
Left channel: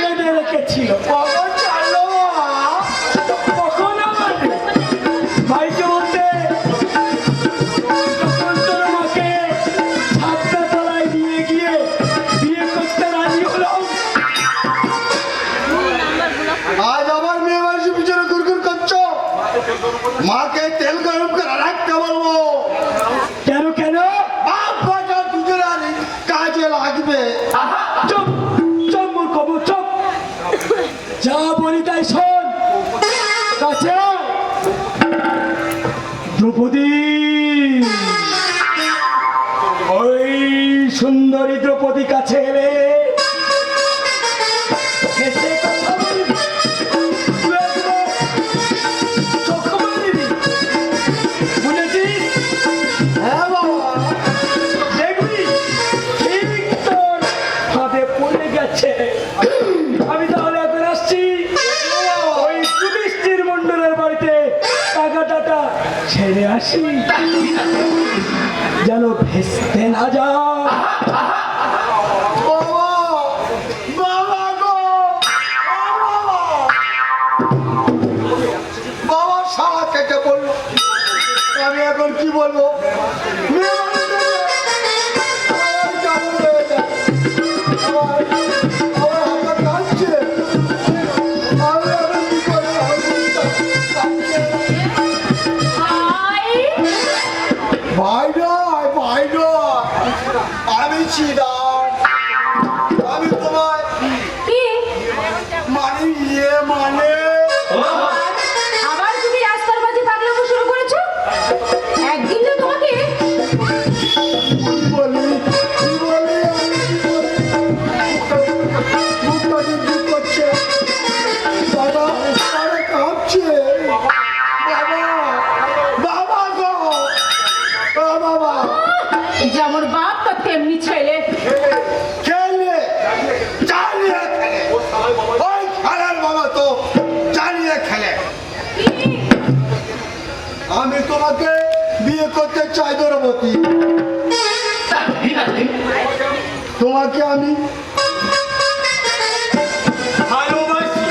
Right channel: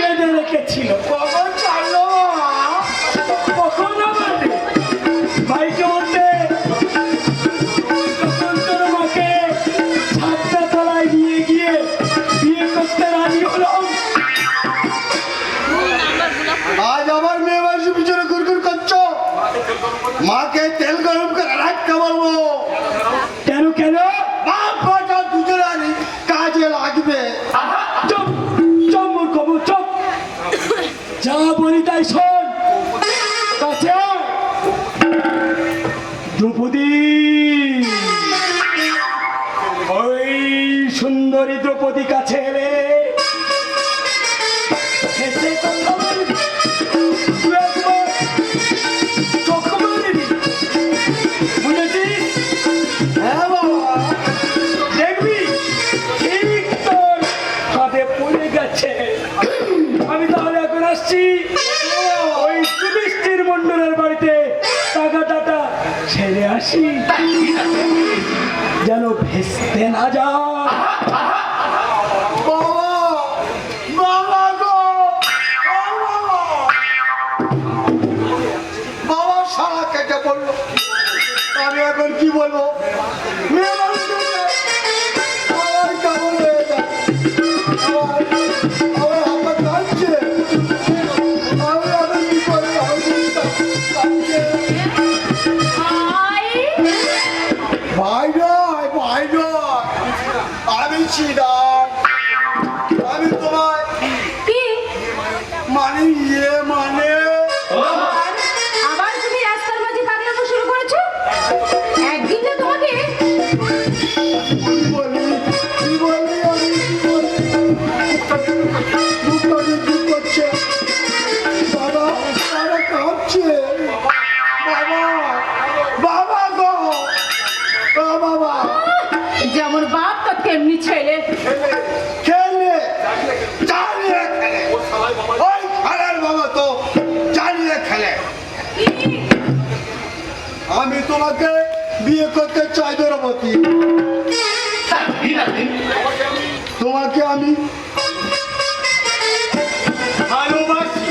বেঁধে রেখেছিল কখন ছাড়লো কখন আমার ভাইকে বলতে যখন তোর মাকে ছাদটা তলায় নিয়ে গিয়ে বিয়ে করতে রাজি হলো আজ আবার মেয়ে মানুষের পিছনে ঘুরঘুর করছো মাকে তেল গরম করে রাখতে বলবো কেন কেন বাপ বাটা দুজনে আনি কাজে লাগবে চুপ চুপ মূর্খ চুপ যা বলি তাই শোন কাছে আয়। দ্রৌপদী ওই সুন্দরী দ্রৌপদী কাছে এলে হেসে কথা বলবি তুই একবার চোখ মারবি বুঝেছিস হ্যাঁ বাবা দেখবি ঠিক তোর হাতে পড়ে গেছে আমি তাহলে এখন আসছি ওই যুধিষ্ঠির মন্ডলের বাড়িতে টাকাটা ছেড়ে আসি যেন ভেস্তে না যা বাবা সারা কেটে পড়লো আমি এখন কি বলবো মেয়ে মানুষ দেখলে আমার কেমন হয়ে যায় আমার হাতটা কাঁদছে আমি এখন কি করবো ভাই নয় ভাই নয় আমি ছিলাম আমি তোমায় মানে ইয়ে মানে আবার তুমি রাস্তার মাঝে পাগলামো শুরু করেছো একদিন যে তোমাকে কি বলি আমি কি বলি মুখটা দুধ করছে বাবা বাবা কাঁপছে বাবা বাবা গো ও বাবা যেমন বাপ তো তেমনি ছেলে খেলে চালিয়ে খেলে ওই খেলার বাবা তো চালিয়ে খেলে আমি তোমাকে বিয়ে করতে চাই দ্রৌপদী তোমাকে আমি ভালোবাসি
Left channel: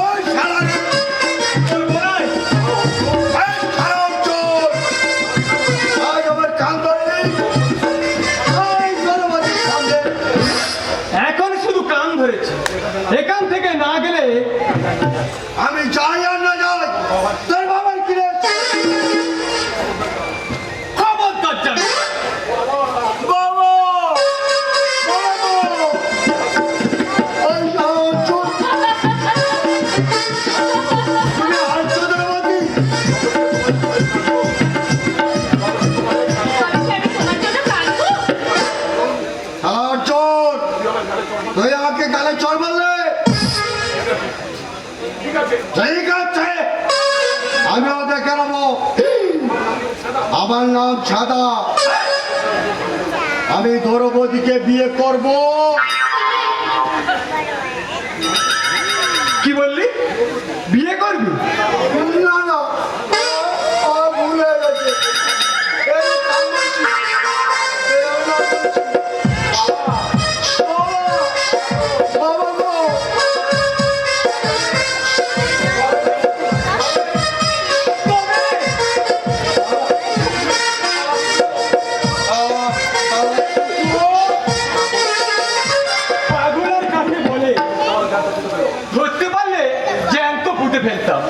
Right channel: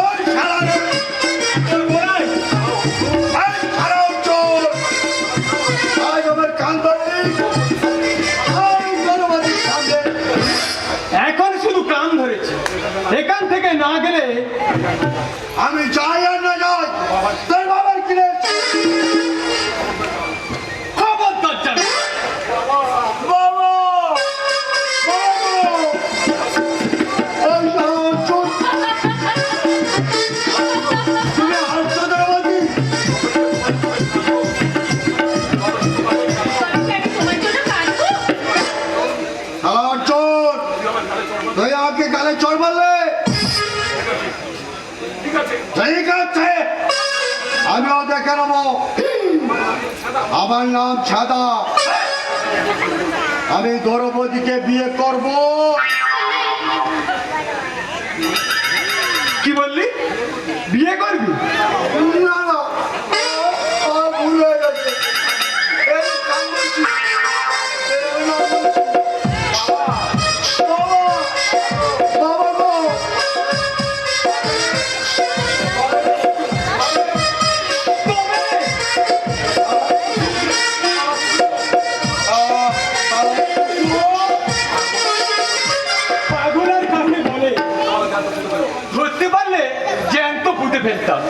ওই শালারে তোর বলাই এই খারাপ চোর আজ আমার কান ধরে এই দ্রৌপদীর সামনে এখন শুধু কান ধরেছে এখান থেকে না গেলে আমি যাই আর না যাই তোর বাবার কিনে খবরদার জানো বাবা বাবা ওই চোর তুমি হাসছো দ্রৌপদী আর চোর তুই আমাকে গালে চোর বললে ঠিক আছে আমিও দেখে নেবো আমার নাম ছাদা আমি দ্রৌপদীকে বিয়ে করব কি বললি বিয়ে করবি না না আমার ভুল হয়ে গেছে এই কাম বলছি এই আমি না বলছি বাবা বাবা গো পাগলের কাছে বলে ধরতে পারলে জ্যান্ত পুঁতে ফেলতাম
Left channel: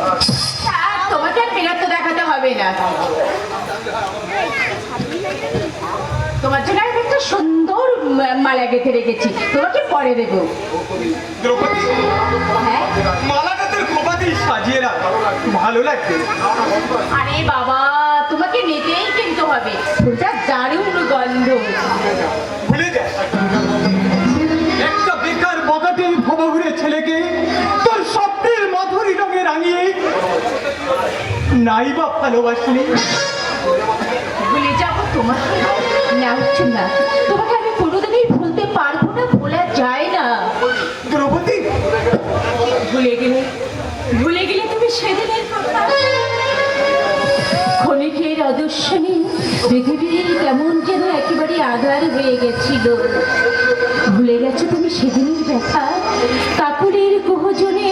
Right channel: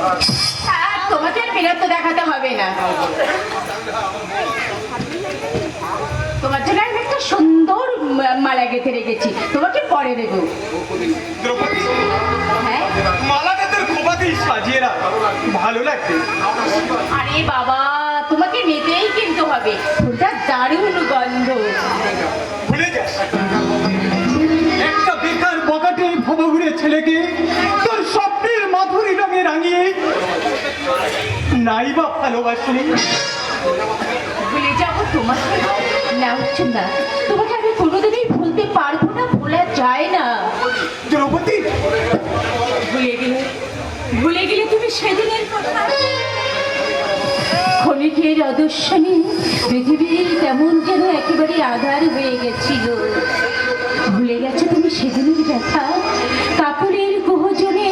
তোমাকে আর বিরক্ত দেখাতে হবে না সুন্দর মালা গেঁথে রেখেছি, তোমাকে পরে দেবো। দ্রৌপদী, হ্যাঁ মালাটা তোর খোপাতেই সাজিয়ে রাখ, ভালো লাগবে। আরে বাবা, তোমাকে নিতেই কিনতে হবে, ফুলটা দারুণ গন্ধ। ভুলে যাস, একটা বেকার বকাটে ভবঘুরে ছেলেকে তোর স্বপ্নের মাধুরী রঙে রাঙিয়ে নাই বা ভালোবাসলি। ভুলে যাবো তোমাকে? না হচ্ছে না, তোমাকে আমি কোনোদিনই ভুলতে পারবো না, ভোলা যায় না। দ্রৌপদী, ভুলে গেলে তুমি সেদিনের কথা। ক্ষণিকের অদর্শনে পৃথিবীর কেমন যেন একেবারে আধার হয়ে গেছিল। ভুলে গেছো তুমি সেদিনের ব্যথা, কাপড়ের গহজনে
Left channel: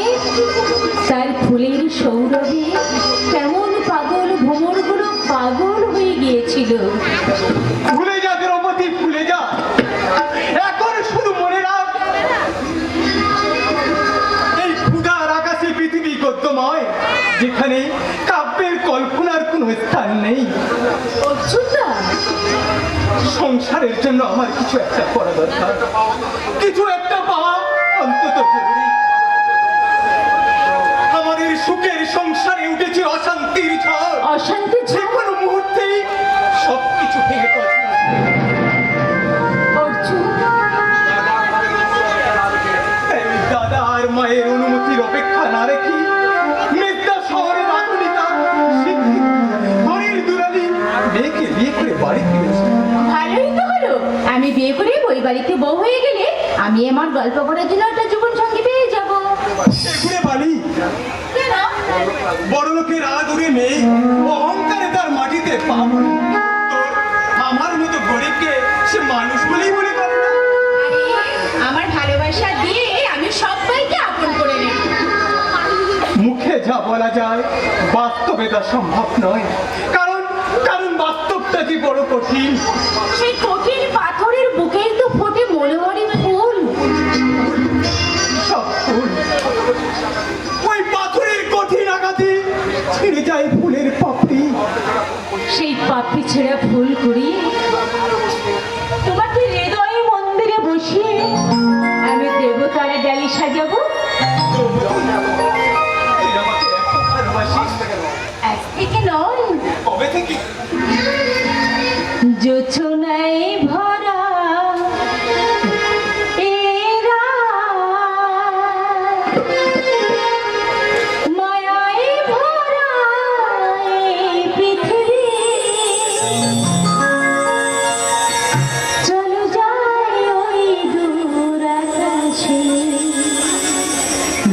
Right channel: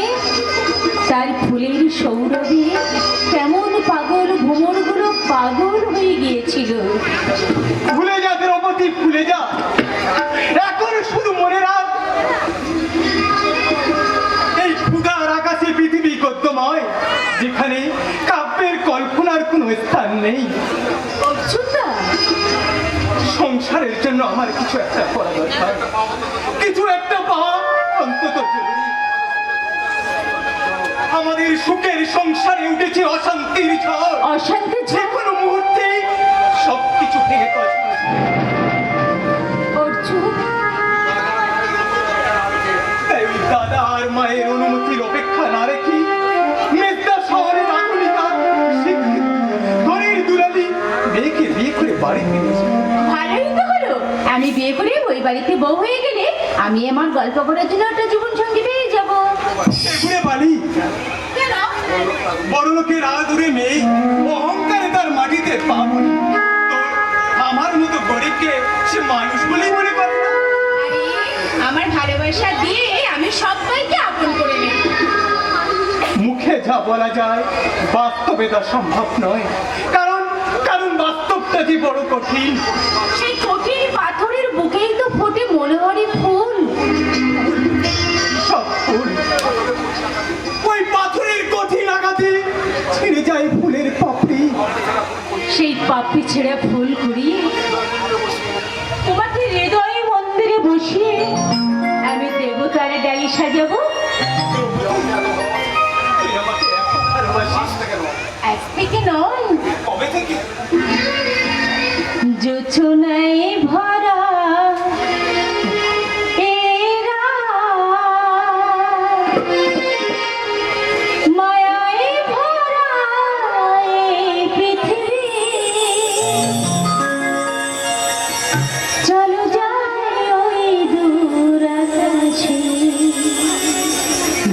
তার ফুলের সৌরভে কেমন পাগল ভ্রমরগুলো পাগল হয়ে গিয়েছিল। ভুলে যা দ্রৌপদী, ভুলে যা। এখন শুধু মনে রাখ, এই ক্ষুধার আকাশে পৃথিবী গদ্যময়, যেখানে কাব্যের কল্পনার কোনো স্থান নেই। অর্জুনদা, সংসারের জন্য আমার কিছু একটা করা দরকার, কিছু একটা পাওয়া অন্তত জরুরি। আমাদের সুখের সংসারে উঠেছে অশান্তির ঝড়, অশান্তি যে কোনো মুহূর্তেই সবকিছু ভেঙে পড়ে। অর্জুন, তাই দাদা আর মায়ের অনুমতির অপেক্ষা না রেখে মেঘনা শহরের আধুনিকা ধনীর দুলালি মেয়েকে বিয়ে করে বাড়ি ফিরেছে। ভালোই তো হলো, আমি বিয়ে করে ওই বাড়িতে বউ হয়ে গেলে আমি আমার গল্প করার জন্য একটা জীবন সঙ্গী পেয়ে যাবো। এগুলো বাড়ি কেন? বড় লোকের আদুরে মেয়ে অহংকারে তার মাটিতে পা পড়ে। তো আমার মতো গরিবকে সে মানুষ বলেই মনে করে না। আরে, আমার ভালোবাসা দিয়ে আমি সবাইকে আপন করে নেব। মুখে যা বলা যায় বাস্তবে তা সম্ভব নয়, কারণ কারণ বাস্তবটা যে বড় কঠিন। সেই কঠিন পাথরের বুকেই তো ফোটে মনোহরের ফুল। সব ফুল ওই পাথরের কঠিন আঘাতে ছিঁড়ে যায় ফুলের পাপড়ি। সেই পাপড়ি ছেঁড়া ফুল কুড়িয়ে তোমাকে হৃদয়ে মন্দিরে বসিয়ে আমি দেবতার ডালি সাজাবো। তুই আমাকে এত ভালোবাসিস এক থেকে নয়, কবে থেকে? যোচনায় ভরা এরা মায়ায় ভরা এই পৃথিবী, চলো যাই ওই দূর আকাশে,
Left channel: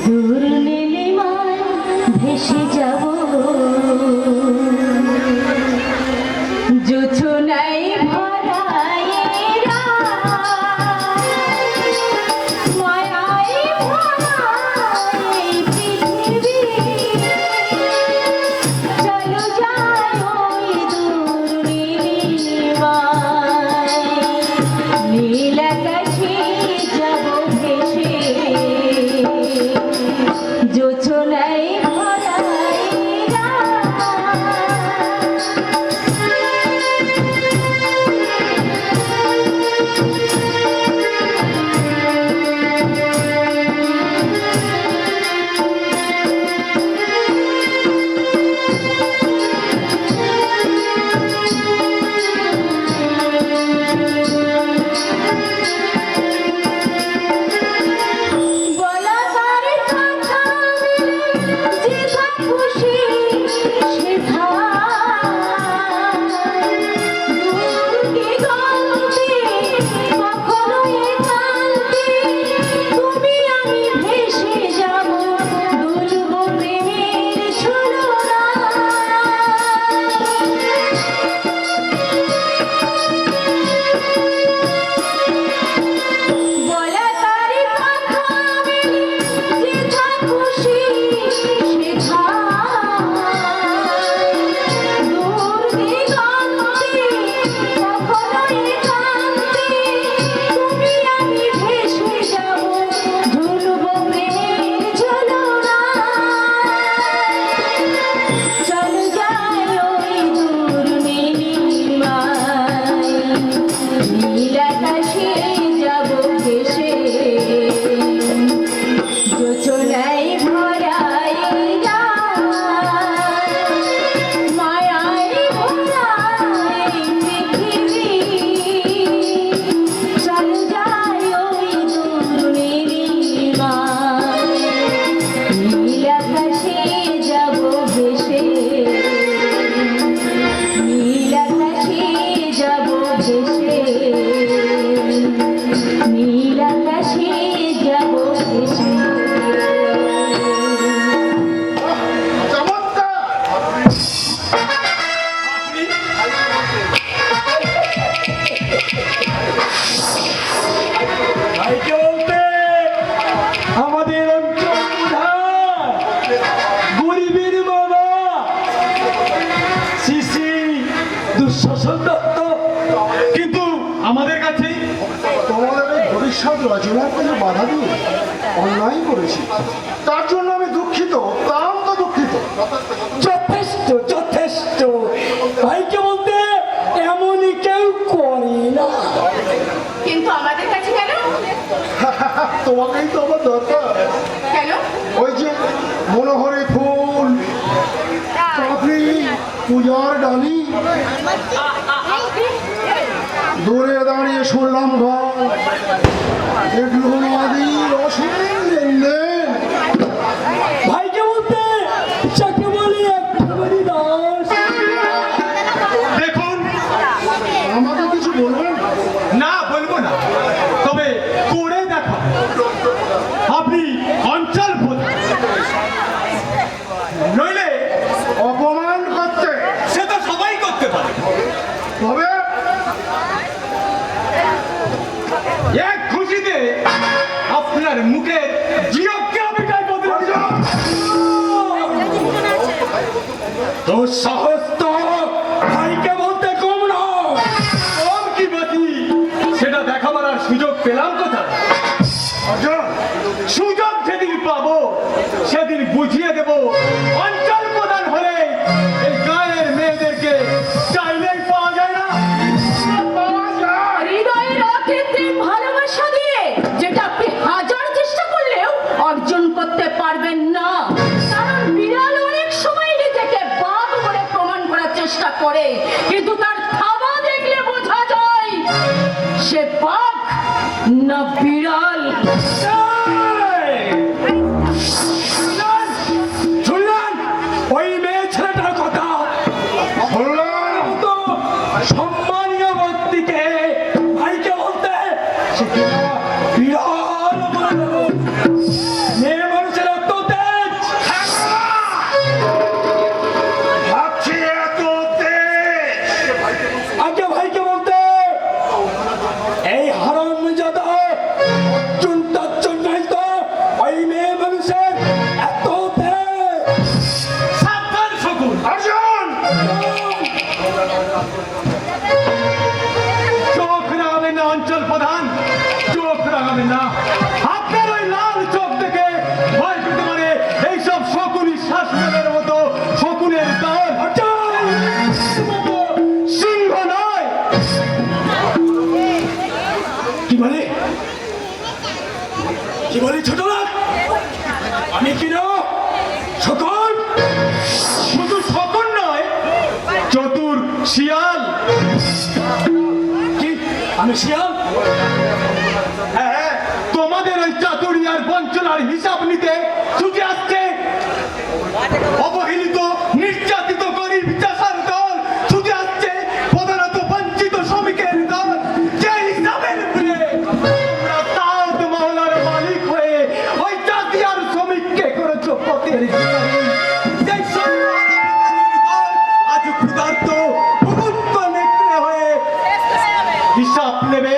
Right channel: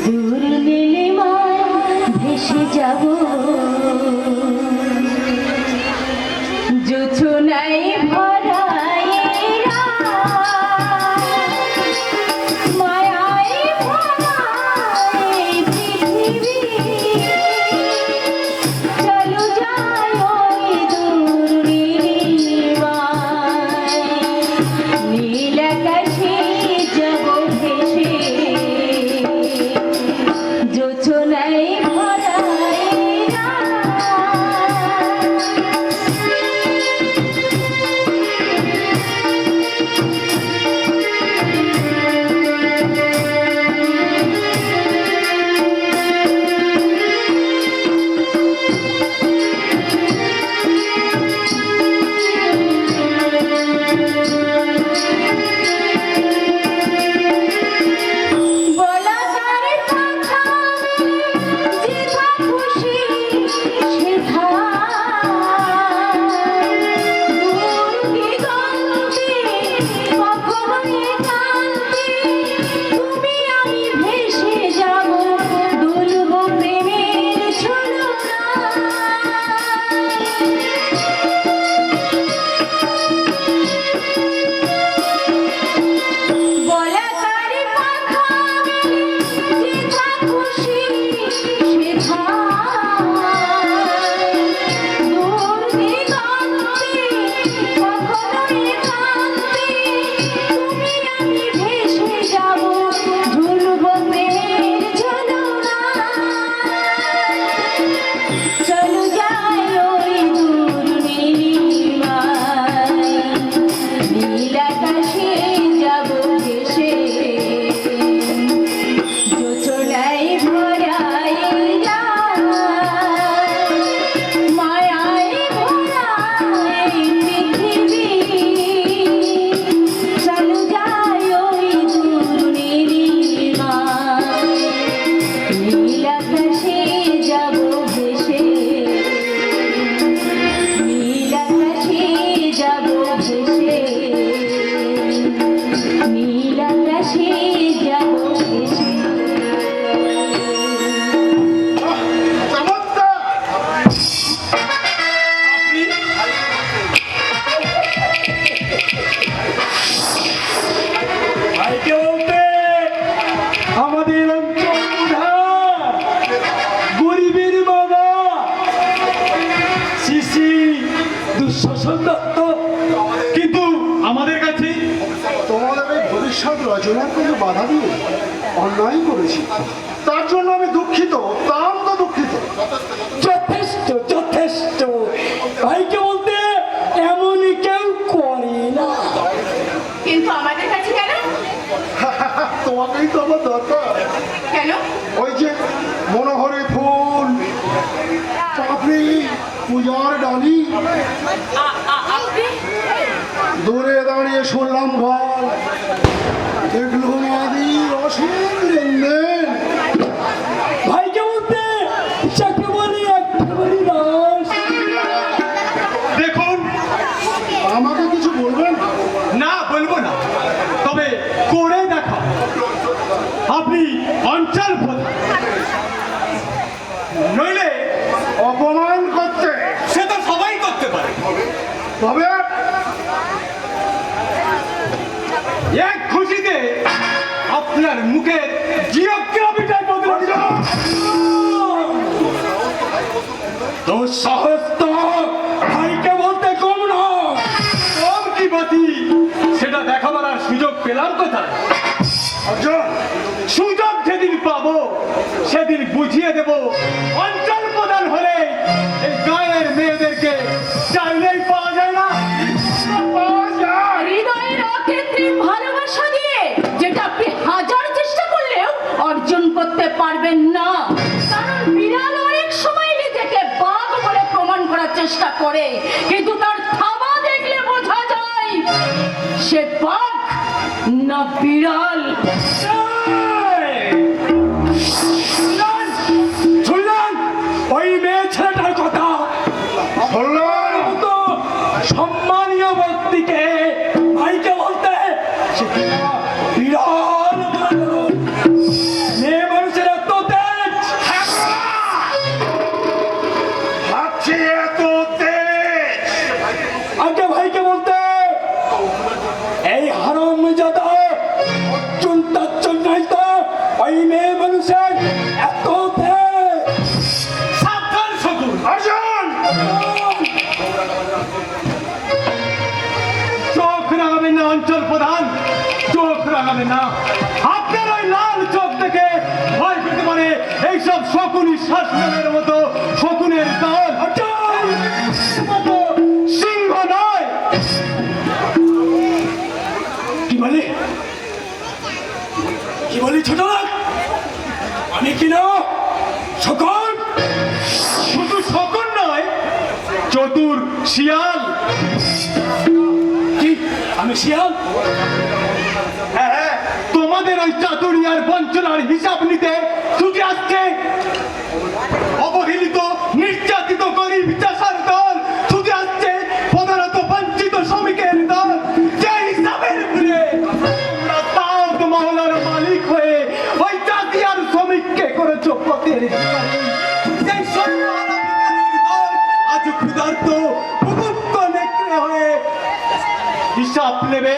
দূর নীলিমায় ভেসে যাব। যোচনায় ভরা এরা মায়ায় ভরা এই পৃথিবী, চলো যাই ওই দূর নীলিমায়, নীল আকাশে যাব ভেসে, যোচনায় ভরা এরা দর্শন দত্ত। কিন্তু আমাদের কাছে তোমাদের এই ভবিষ্যৎ রচনার কোনো বাধা দিয়ে অন্যায় করেছি, তার জন্য আমি দুঃখিত, অত্যন্ত দুঃখিত। যথেষ্ট যথেষ্ট, ভাইকে বলতে এমনই কেউ করে না। কিন্তু আমাদের কাছে কেন? তোমাকেই তো আমার দরকার। কেন? ওই যে মনোহরি ফুল, পাপড়ি, পূজার ডালি, দূরে দাঁড়িয়ে শুনলাম ঘর, এগুলো নদী রসের লেনদেন। ভাইকে বলতে যাকে বলি একেবারে দাস। দেখুন, আমাকে কিছু বলবেন? না বলবো না, তবে করে দেখা। আপনি অঞ্চল প্রধান, নইলে অপমান করতে সে তো সবাই করতে পারে। তবে এক খুশিতে আপনার মুখের জিওগ্রাফিটাই বদলে দিল। তোর সাহস তো ভাইকে বলতে কম না। কম কি বাতি, সেটা দেখাবার আর সুযোগ পেলাম কোথায়? অর্জুন, সুযোগ যেদিন পাবো সেদিন বুঝিয়ে দেব। অঞ্চল প্রধান হলে এই গায়ের মেয়েদেরকে চাইলেই পাওয়া যায় না। হৃদয়ের অকৃত্রিম ভালোবাসা দিয়ে যেটা আপনি হাজার চেষ্টা করলেও অর্জন করতে পারবেন না। কারণ বিড়াল অনেক সময় নিজেকে বাঘ বলে প্রমাণ করার চেষ্টা করে, কিন্তু তার থাবা দেখলে বোঝা যায় সে বাঘ না বিড়াল। শুনলেন ওই মেয়ে ছেলেটার কথা? বললাম তো সম্মানীয় ব্যক্তিকে ভাইকে বলতে সে কিনা বিড়াল বলে বলুন। মেয়ে মানুষের এত তেজ। ভাবছি এত তেজ। আগে ভাইকে বলতে এই হারামজাদা অর্জুন তার জন্যই তো ওই মেয়ে মানুষের এত তেজ। সাবধান শকুন, অর্জুন, চোখ রাগাবেন না অঞ্চল প্রধান, চোখ রাগাবেন না। আপনার ওই লাল চোখ দেখে ভয় পেতে পারে এইসব শকুনি শাসনের মতো শকুনের দল। মতো সিংহ নয়। কি বলি কি বলি ছোট লোক? আমি কিনা সকল শুধু শকুন নয়, চতুর শিয়াল। কি আমি শিয়াল? হ্যাঁ, তোমাদের ওই চাতুরিয়ার বঞ্চনার হিসাব নিতে ছুটে আসছে অবহেলিত, নির্যাতিত গরিব চাষার দল, ছুটে আসছে প্রধানত বঞ্চিত শ্রমিকের দল। যে হিসাবের ভুলে তোমরা তাওত মহলার মালিক হয়ে ওই চাষিয়ার শ্রমিককে করেছো পথের ভিখারি। সেই সম্মান আজ ক্ষুধার্ত ভুভুক্ত নেকড়ে হয়ে হিসাব নেবে।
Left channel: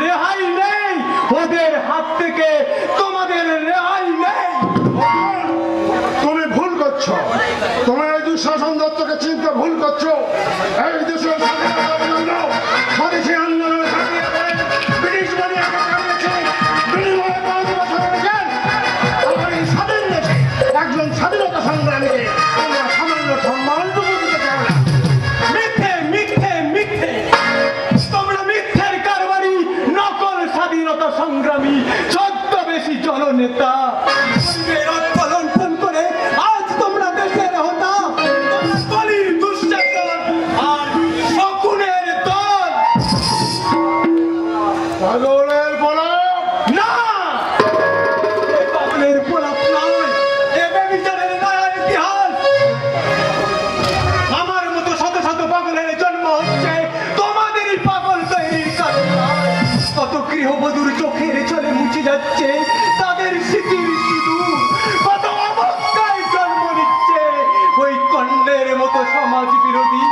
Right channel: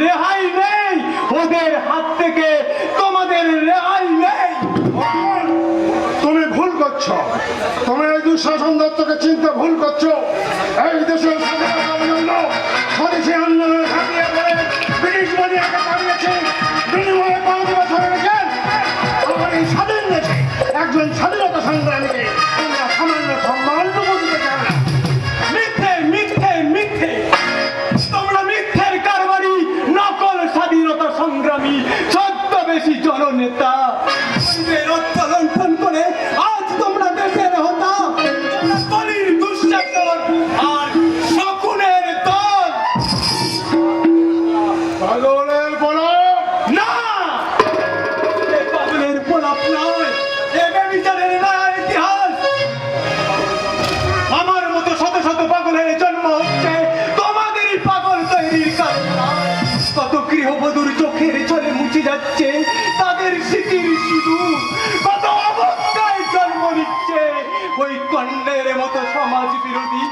রেহাই নেই ওদের হাত থেকে, তোমাদের রেহাই নেই। তুমি ভুল করছো। তুমি এই দুঃশাসন দত্তকে চিনতে ভুল করছো। এই দেশের স্বাধীনতার জন্য স্বদেশী আন্দোলন ঘটিয়ে দেয়, ব্রিটিশ বলিয়াকে তাড়িয়েছে, বিনিময়ে 5 বছর রেখেছেন। আমার এই স্বাধীন দেশে একজন স্বাধীনতা সংগ্রামীকে তোমরা সামান্য সম্মানটুকু দিতে চাও না। মিথ্যে মিথ্যে মিথ্যে, তোমরা মিথ্যের কারবারি, নকল স্বাধীনতা সংগ্রামী, ছদ্মবেশী জননেতা। রক্ত লণ্ঠন করে আজ তোমরা দেশের হতা, তোমরা কলির দুঃশাসন আর শকুনের দল। পাগলের পলক, না, এ পাগলের প্রলাপ নয়, এ বেবিচারের নয়া ইতিহাস। আমার মতো শত শত পাগলের জন্ম হচ্ছে তোমাদেরই পাগল তৈরির কারণে। কত গৃহবধূর চোখের চলে মুছে যাচ্ছে তাদের স্মৃতির সিঁদুর, কত অবস্থায় জন্ম নিচ্ছে ওই কন্যের মতো সমাজ বিরোধী।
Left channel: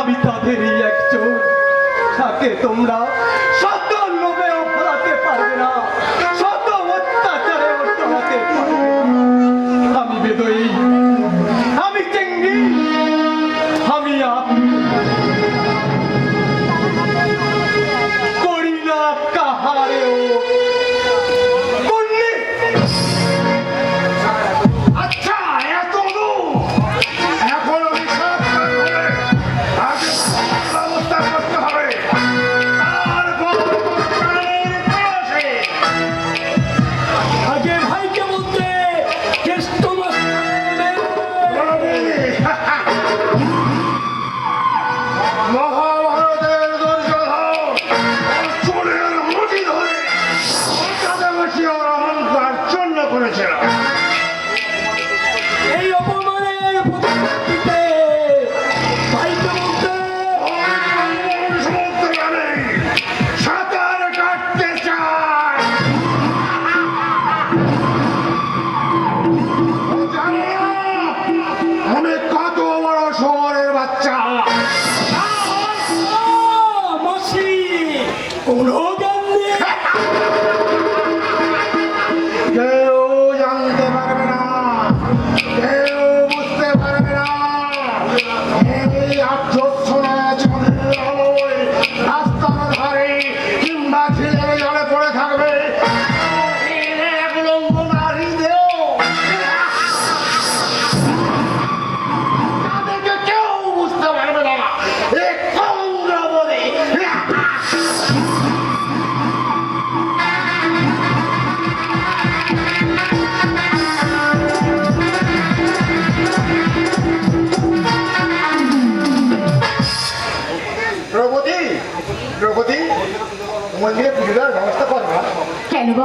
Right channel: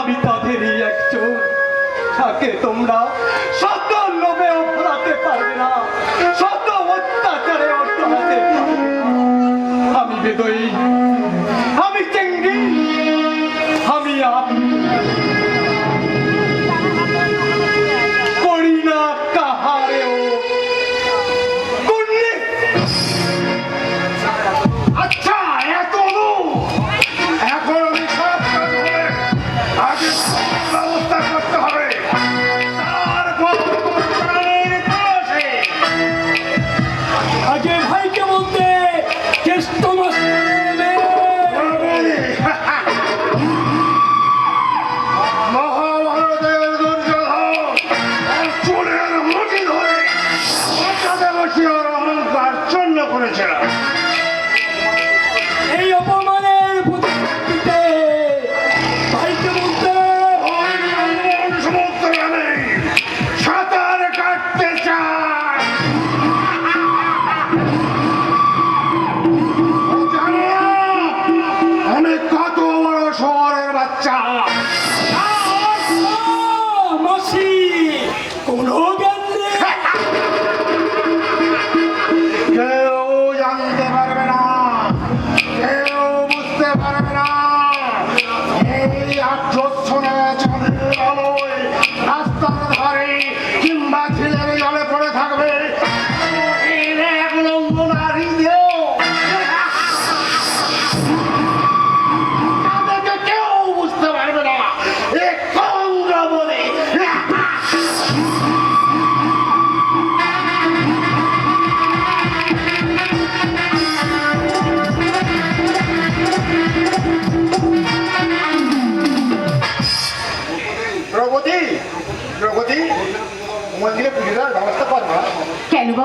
আমি তাদেরই একজন, তাকে তোমরা শত লোভেও ফলাতে পারবে না, শত অত্যাচারে অটলাতে পারবে না। আমি বেদই, আমি চেঙ্গি,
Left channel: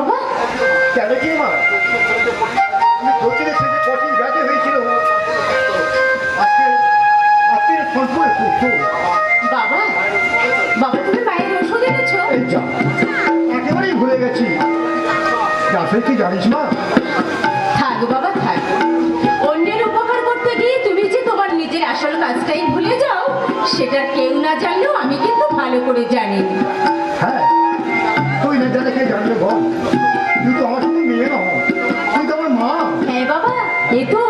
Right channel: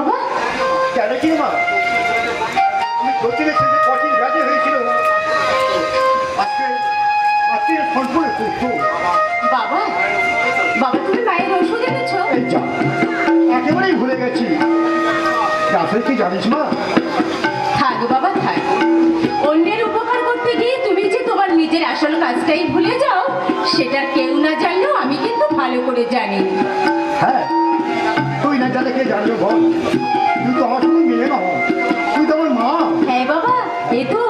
বাবা? কেন কি মা, আমি সত্যি থেকে কঠিন ব্যাধি হয়েছিল, আজকে আজকে ফোন করে করছো। বাবা, বাবা তুমি মায়ের ওষুধ এনেছো? এই যা, একেবারেই ভুলে গেছি। আসলে কি জানিস মা, থাক বাবা থাক, অন্যের উপকার করতে গিয়ে তুমি যে তোমার নিজের আসল কাজটাই ভুলে যাও, সেটা কেউ না জানলেও আমি কিন্তু ভালো করে জানি। হ্যাঁ তুই না জানে কে জানবে বল, তুই তো আমার সঙ্গে মিলে না, তুই তো আমার মা। হ্যাঁ বাবা, এ তো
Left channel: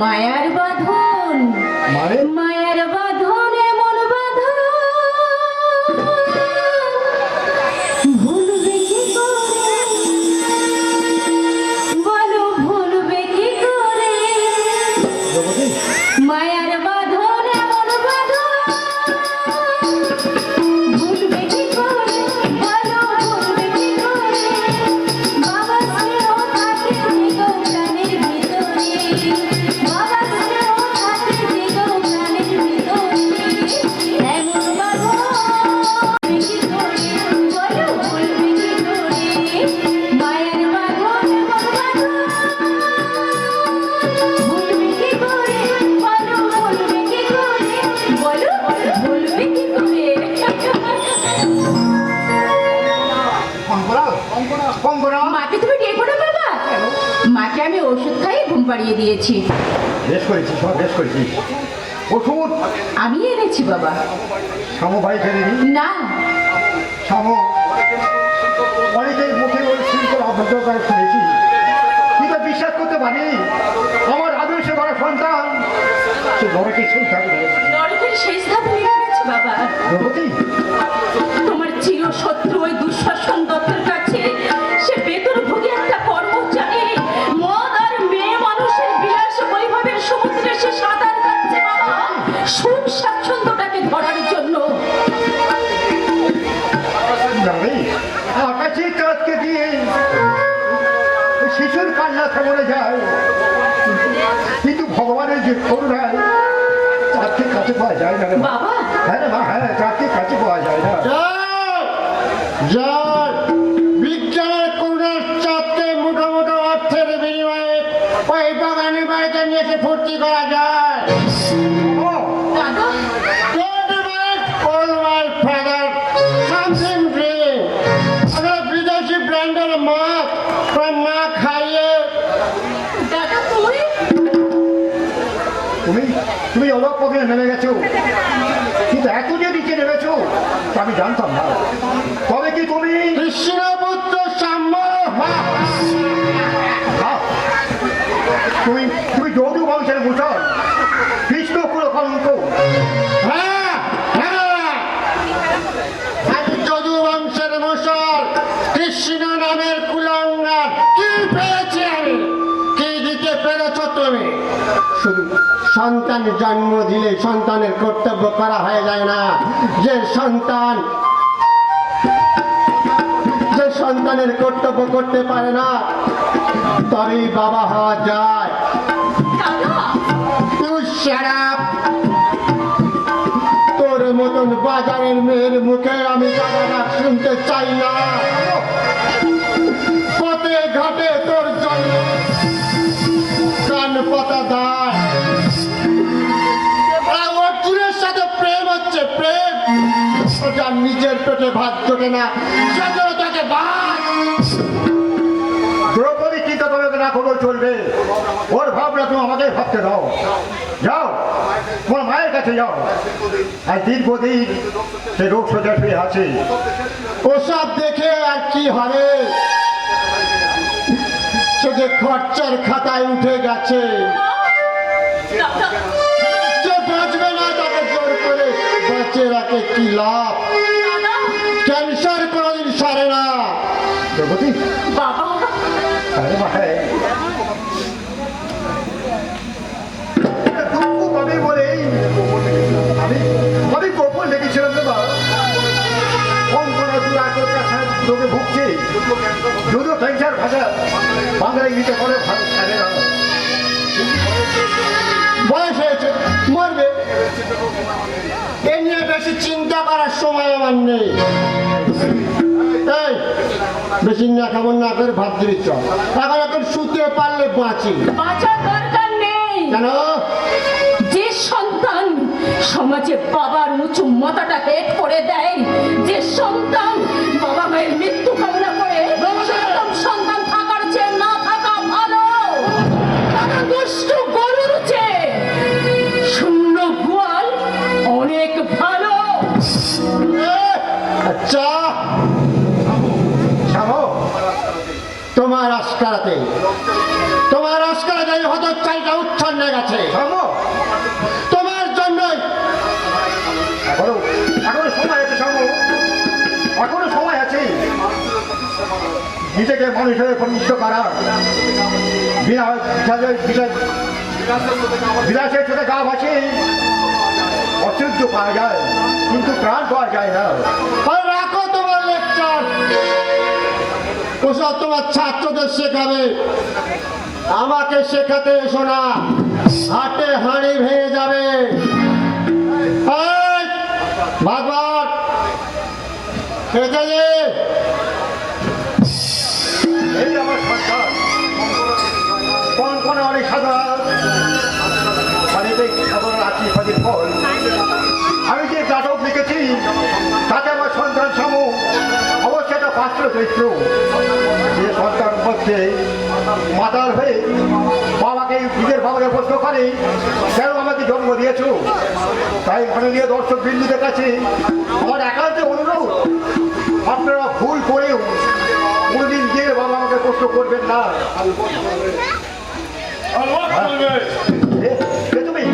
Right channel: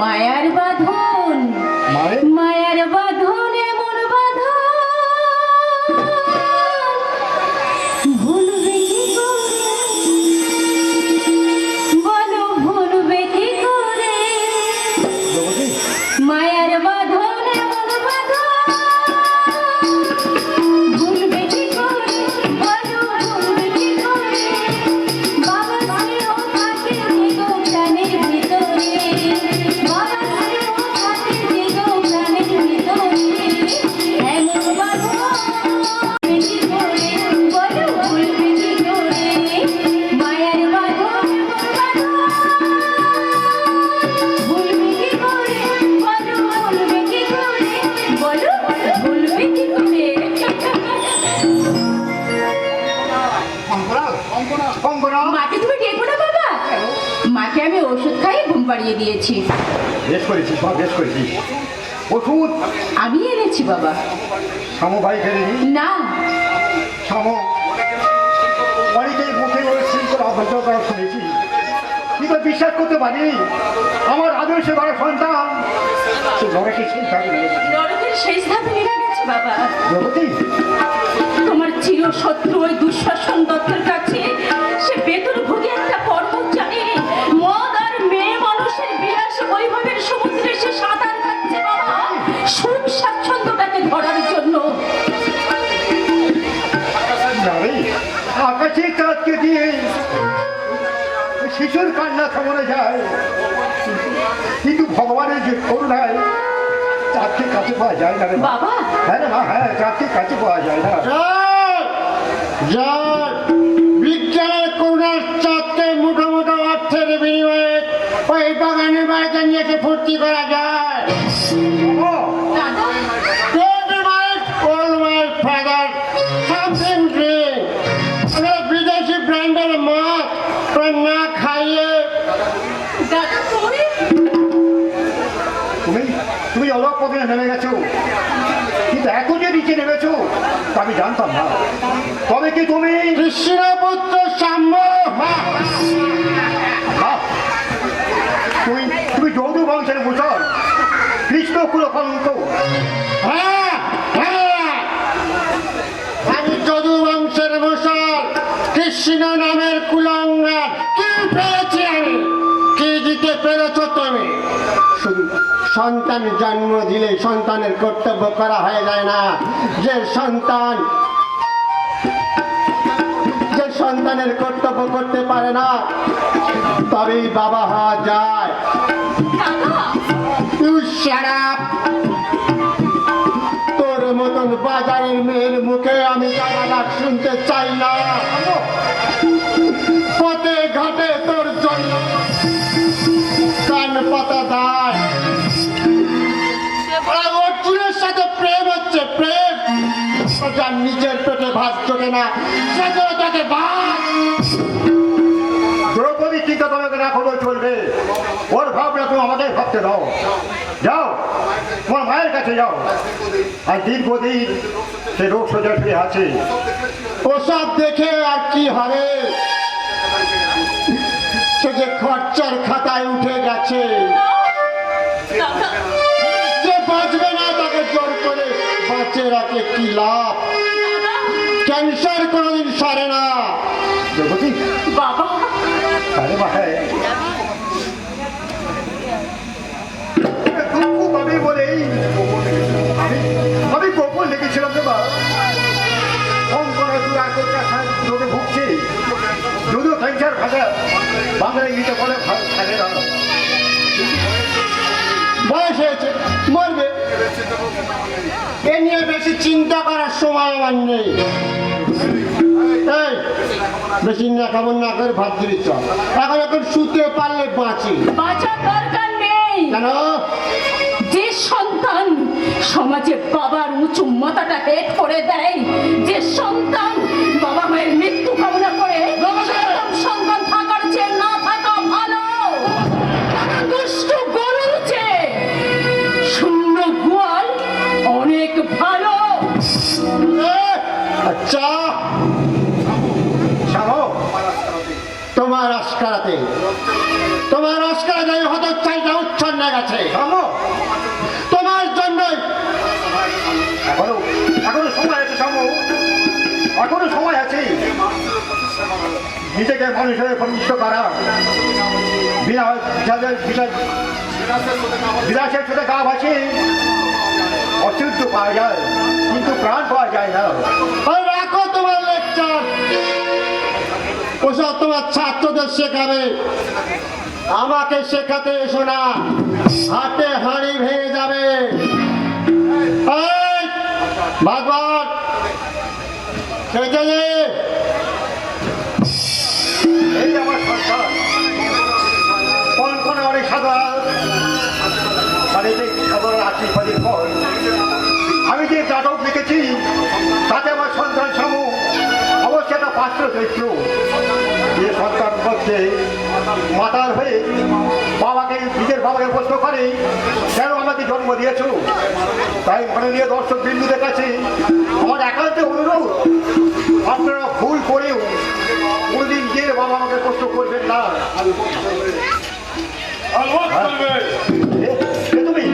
মায়ার বাঁধন, মানে মায়ার বাঁধন, এমন বাঁধন ভুলবে কি করে, বলো ভুলবে কি করে, দেবতী, মায়ার বাঁধন, এমন বাঁধন ভুলবে কি করে, বলো ভুলবে কি করে, বাবা স্নেহ থাকে দিগো প্রাণের ভিতরে, বাবা স্নেহ থাকে দিগো প্রাণের ভিতরে, এমন বাঁধন ভুলবে কি করে, বলো ভুলবে কি করে, মায়ার বাঁধন, এমন বাঁধন ভুলবে কি করে, বলো ভুলবে কি করে, বলো ভুলবে কি করে। কঙ্কনা, কঙ্কনা। মাকে তুমি ডেকো না বাবা, মাকে আমি ওষুধ খাইয়ে ঘুম পাড়িয়ে দিয়েছি। বেশ করেছিস মা, বেশ করেছিস। ওষুধ আমি এনেছি বাবা। শামু ভাই ফেলেনি, না, শামু অনেকেই মুখে ওই শিল্প আবদ্ধ করে শুনেছি, কিন্তু বিশ্বাস করতে পারি আমার আদর্শে বড় সন্তান সে লড়াকে সেই থাকবে। নরকের শেষ ধাপ নেমে গেছে বাবা। দেবতী, তোমার চিরশত্রু ওই দুঃশাসন দত্তর কাছে সে বেতন ভোগে একটা কর্মচারী মদ আর মেয়ে মানুষের বিলাস বৈভবের সমুদ্রে সে সাঁতার কাটছে বাবা, সুখ স্বাচ্ছন্দ্যটাকে ধরার জন্য। নারী আকাশে চাঁদকে দিয়ে শিশুর কান্না থামানো যায়, কিন্তু ভগবানের যে করুণায় চাঁদকে কাছে পাওয়া যায় না রে মা। বাবা, হ্যাঁ রে মা, হ্যাঁ চাঁদকে কাছে পাওয়া যায় না। বিজ্ঞানের করুণার চাঁদকে মুঠো মুঠো অর্থের বিনিময়ে ওই বাগানের বাড়িতে নিয়ে এসে ফুর্তি করা যায়। ও, দাদা, বিদেশি ব্র্যান্ডের মাছ না খাইয়ে দাদা তুমি তুমি তুমি অলপ পথে নেমে গেছো, কিন্তু এত যে নিচে নেমেছো তা আমি জানতাম না। তবে কি তুমি কৃষ্ণপুত্র সাম্য তুমি তুমি যৌধ বংশের মুসল কৃষ্ণ পুরো কলঙ্ক। হ্যাঁ হ্যাঁ, আমি যদু বংশের মুসল, কৃষ্ণ নামের কুলঙ্গার। কি পেয়েছি আমি, কি দিতে পেরেছ তুমি? শুধু সন্তান জন্ম দিলে সন্তানের কর্তব্য করা হয়ে যায় না। যে সন্তানের কর্তব্য করতে পারে না তবেই বাবা হওয়া যায়। You shut up! তোর মতন বাজারের মেয়ের মুখে আমি গালাগাল শুনতে চাই না। পথে ঘাটে তোর জন্য কান পাতা দাঁড়। অর্জুনের সাথে প্রেম হচ্ছে প্রেম, যার নিজের পেটে ভাত জোটে না সে তো তাকে ভাত। দ্রৌপদী চিন্তা করে না খবর চলবে, ওর ভাবনা তুমি আমাদের ভাবতে দাও। যাও তোমার মায়ের কাছে যাও, আর দীর্ঘদিন সে রোগ সোজা ফিরে আছে। ওসব দেখে আর কি হবে, সে যে খরচার খাতায় উঠে গেছে। যে বাঁচবে না তাকে জোর করে বাঁচিয়ে রাখে কি লাভ? ক্যান্সার কোনোদিন সারে না। দ্রৌপদী, বাবা, আরে মাথায় দুঃখ পাবে বলেই আমি গোপন লেগেছিলাম না। কঙ্কনা দু একর রোগে ভুগছে, যদিও ক্যান্সার ভাষা বাংলায় নিতে বলে ভালো থাকে না। বয়স হয়েছে, মরবে, এ নিয়ে বেশি চিন্তা করার সময় আমার নেই। এই, বেশি না কেমন না করে ভাত দিচ্ছ এখন শুতে পারলে বাঁচি বাঁচার দরকার নেই। কেন যে সন্তান সমাজে বাবার উঁচু মাথাটা হেট করে দেয়, যে সন্তান বাবা মায়ের মৃত্যু কামনা করে, সেরকম সন্তান থাকার চেয়ে না থাকা ভালো। দুষ্ট গরুর চেয়ে শূন্য গোয়াল অনেক ভালো। আচ্ছা শামো, তোমার আস্কারাতে হয়তো চাইটা উচ্ছন্ন গেছে শামো, তোমার জন্য এখনো সময় আছে শামু, এখনো সময় আছে। নিজেকে মানুষের প্রতিষ্ঠ করা, বিলাসের সাথে গা ভাসে অশুদ্ধ পাওয়া যায়, কিন্তু প্রাণ পাওয়া যায় না। আর রাখো তোমার লেকচার, ওসব তোমার ছাত্রদের শেখাবে, আমাকে শেখাতে এসো না, হাটে হাঁড়ি ভেঙে যাবে। এই, ভাগবত খেতে দে। এই আমার সন্তান কোন কোন অনেক সাদা মানে খবর রাখি ফলের ফল। আমি যে নাটক লিখেছি তাতে আমার সন্তান শামু অবশ্যই একটা পাত্র চরিত্র। যে সন্তান মধ্যে মাতার হয়ে বাবাকে নিজের বাবাকে প্রশ্ন করে কেন আমাকে জন্ম দিয়েছো, তাই মাননীয় দর্শক বিন্দুদের কাছে আমার একান্ত অনুরোধ, আপনারা ভুল করেও কোনোদিন গিয়ে বাবা আমাকে প্রশ্ন করবেন না। তুমি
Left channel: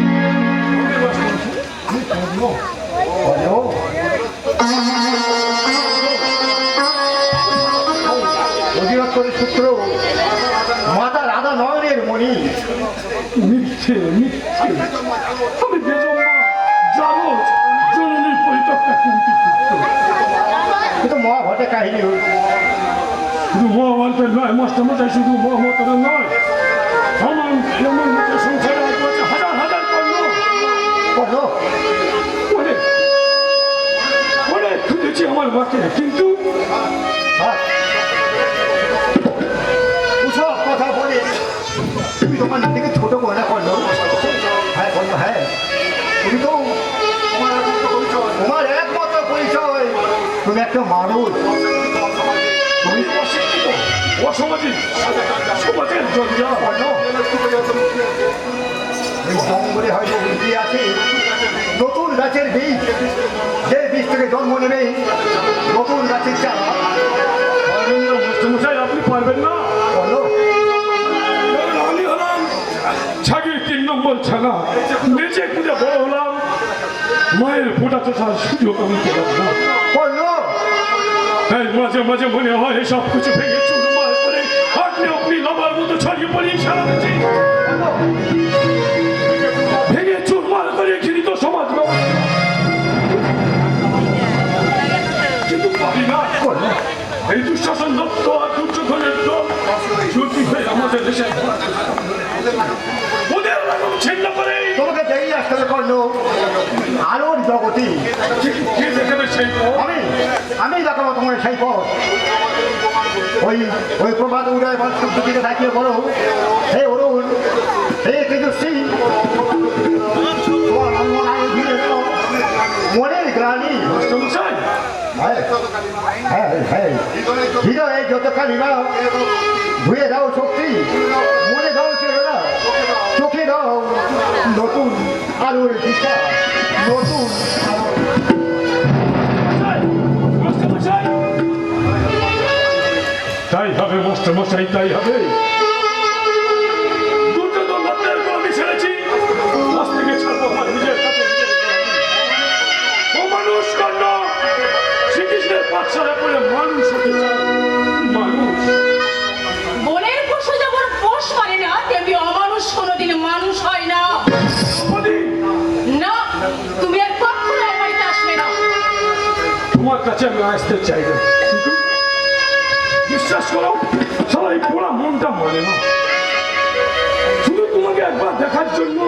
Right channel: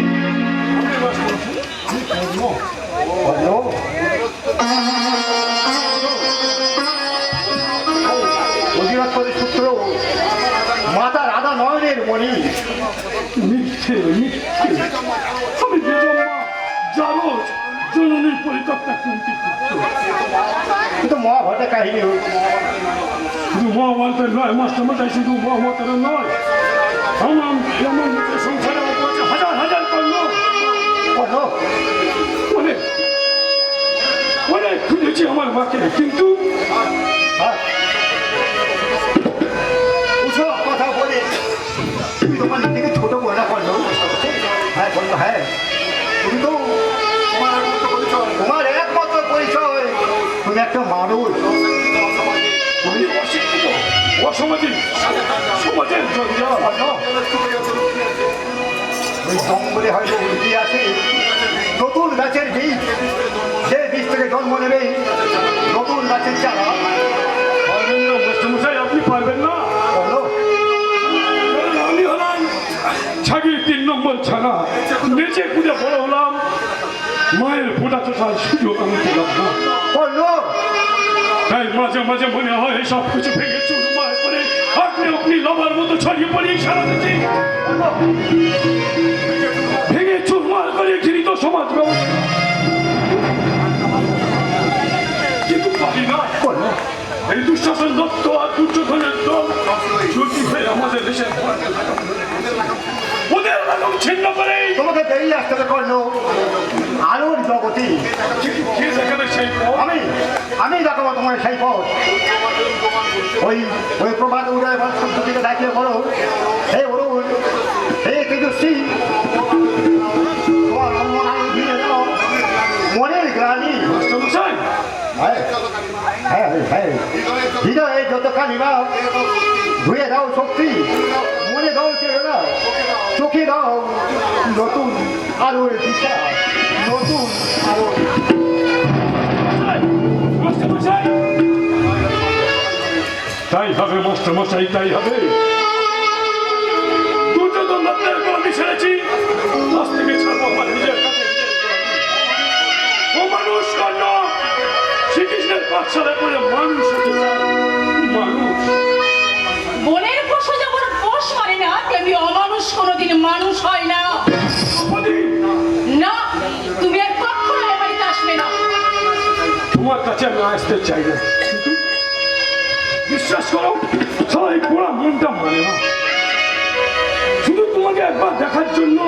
অধিবাস্তরের সূত্র মাতা রাধা নয়নের মণি। মিথ্যে মিথ্যে, আমি বেজম্মা জানো জননীর পরিকল্পনা কিন্তু কিন্তু মহাভারতে কাহিনী শুধু মহাভারতের নয়, মাস্টারমশাই শুধু মহাভারতের নয়, আমার এমন লোকের সংসারে আছে হাজার হাজার কর্ণ। অনেক অনেক খুঁজেছি আমার মাকে, কিন্তু কথা বলে তুমি তোমার নিজেকে ছোট মনে করলো। হ্যাঁ বললো, হ্যাঁ তুমি তো তোমার একমাত্র পরিচয় তুমি একটা মানুষ। আমি অশিক্ষিত, অসামাজিক, সমাজের জঞ্জাল। ওই জঙ্গলে হয়তো উল্টি আছে নতুন গাছের বীজ, সেই বীজ থেকে জন্ম নেবে নতুন গাছের চারা। পারবেন না মাস্টারমশাই, আপনি পারবেন না। বলো কারণ আমি হলাম ছাগির 3 নম্বর ছাগা, নেচে খুঁজে বড় হলাম, মায়ের ফোটা তোঠার সুযোগ আমি পেলাম না। বললো তাই মাঝে মাঝে মনে হয় সব কিছু ভেঙে চুরমার করে আপনি আপনি লবার মতো ছড়িয়ে পড়ি সারা দেশে, ভেঙে চুরমার করে ঘৃণিত সমাজ ব্যবস্থা। কিন্তু পারি না, এই দুঃশাসন দত্ত আর দুর্যোধনের দল চুক্তি হয়ে আমাদের দেশে ওদের রকম ছিন্ন করে তোমাকে দেরি আসতে হবে করলো আলোর জগতে। কে দেখাবে সেই পথ? আমি দেখাবো তোমার সেই পথ। ওই প্রভাত উদয় ভাস্কর দিকে ডাকিয়ে বলো, হে অরুণ, হে তেজস্বী, তোমার অন্নদায় ঘিরে দাও মনের গ্লানি। মাস্টারমশাই, হৃদয়ে যতখানি দাও ধুয়ে দাও শক্তি, মনে দাও চেতনা, চোখে দাও নতুন আলোর দিশা, নতুন আলোর। মাস্টারমশাই, তাই হবে মাস্টারমশাই, তাই হবে। দুর্যোধন দত্তের গল্পে ছেড়েছি, বস থেকে ছাড়বো আমার নিজের কাছে। ও মানুষ কর্ণ, শ্রীকৃষ্ণের পাঠশালা করে মানুষ হতে চায়, মানুষ। বনের পশু যখন পোষ করে না, তেমনি অমানুষ কোনোদিন মানুষ হয় না। না, তুমি আর কখনো আমার বাড়িতে আসবে না। তোমার কাছে আমি আসতে চাই না, কিন্তু বিশ্বাস করো সবাই পোড়া মনটা মানে না। শুধু তোমাকে একবার দেখার জন্য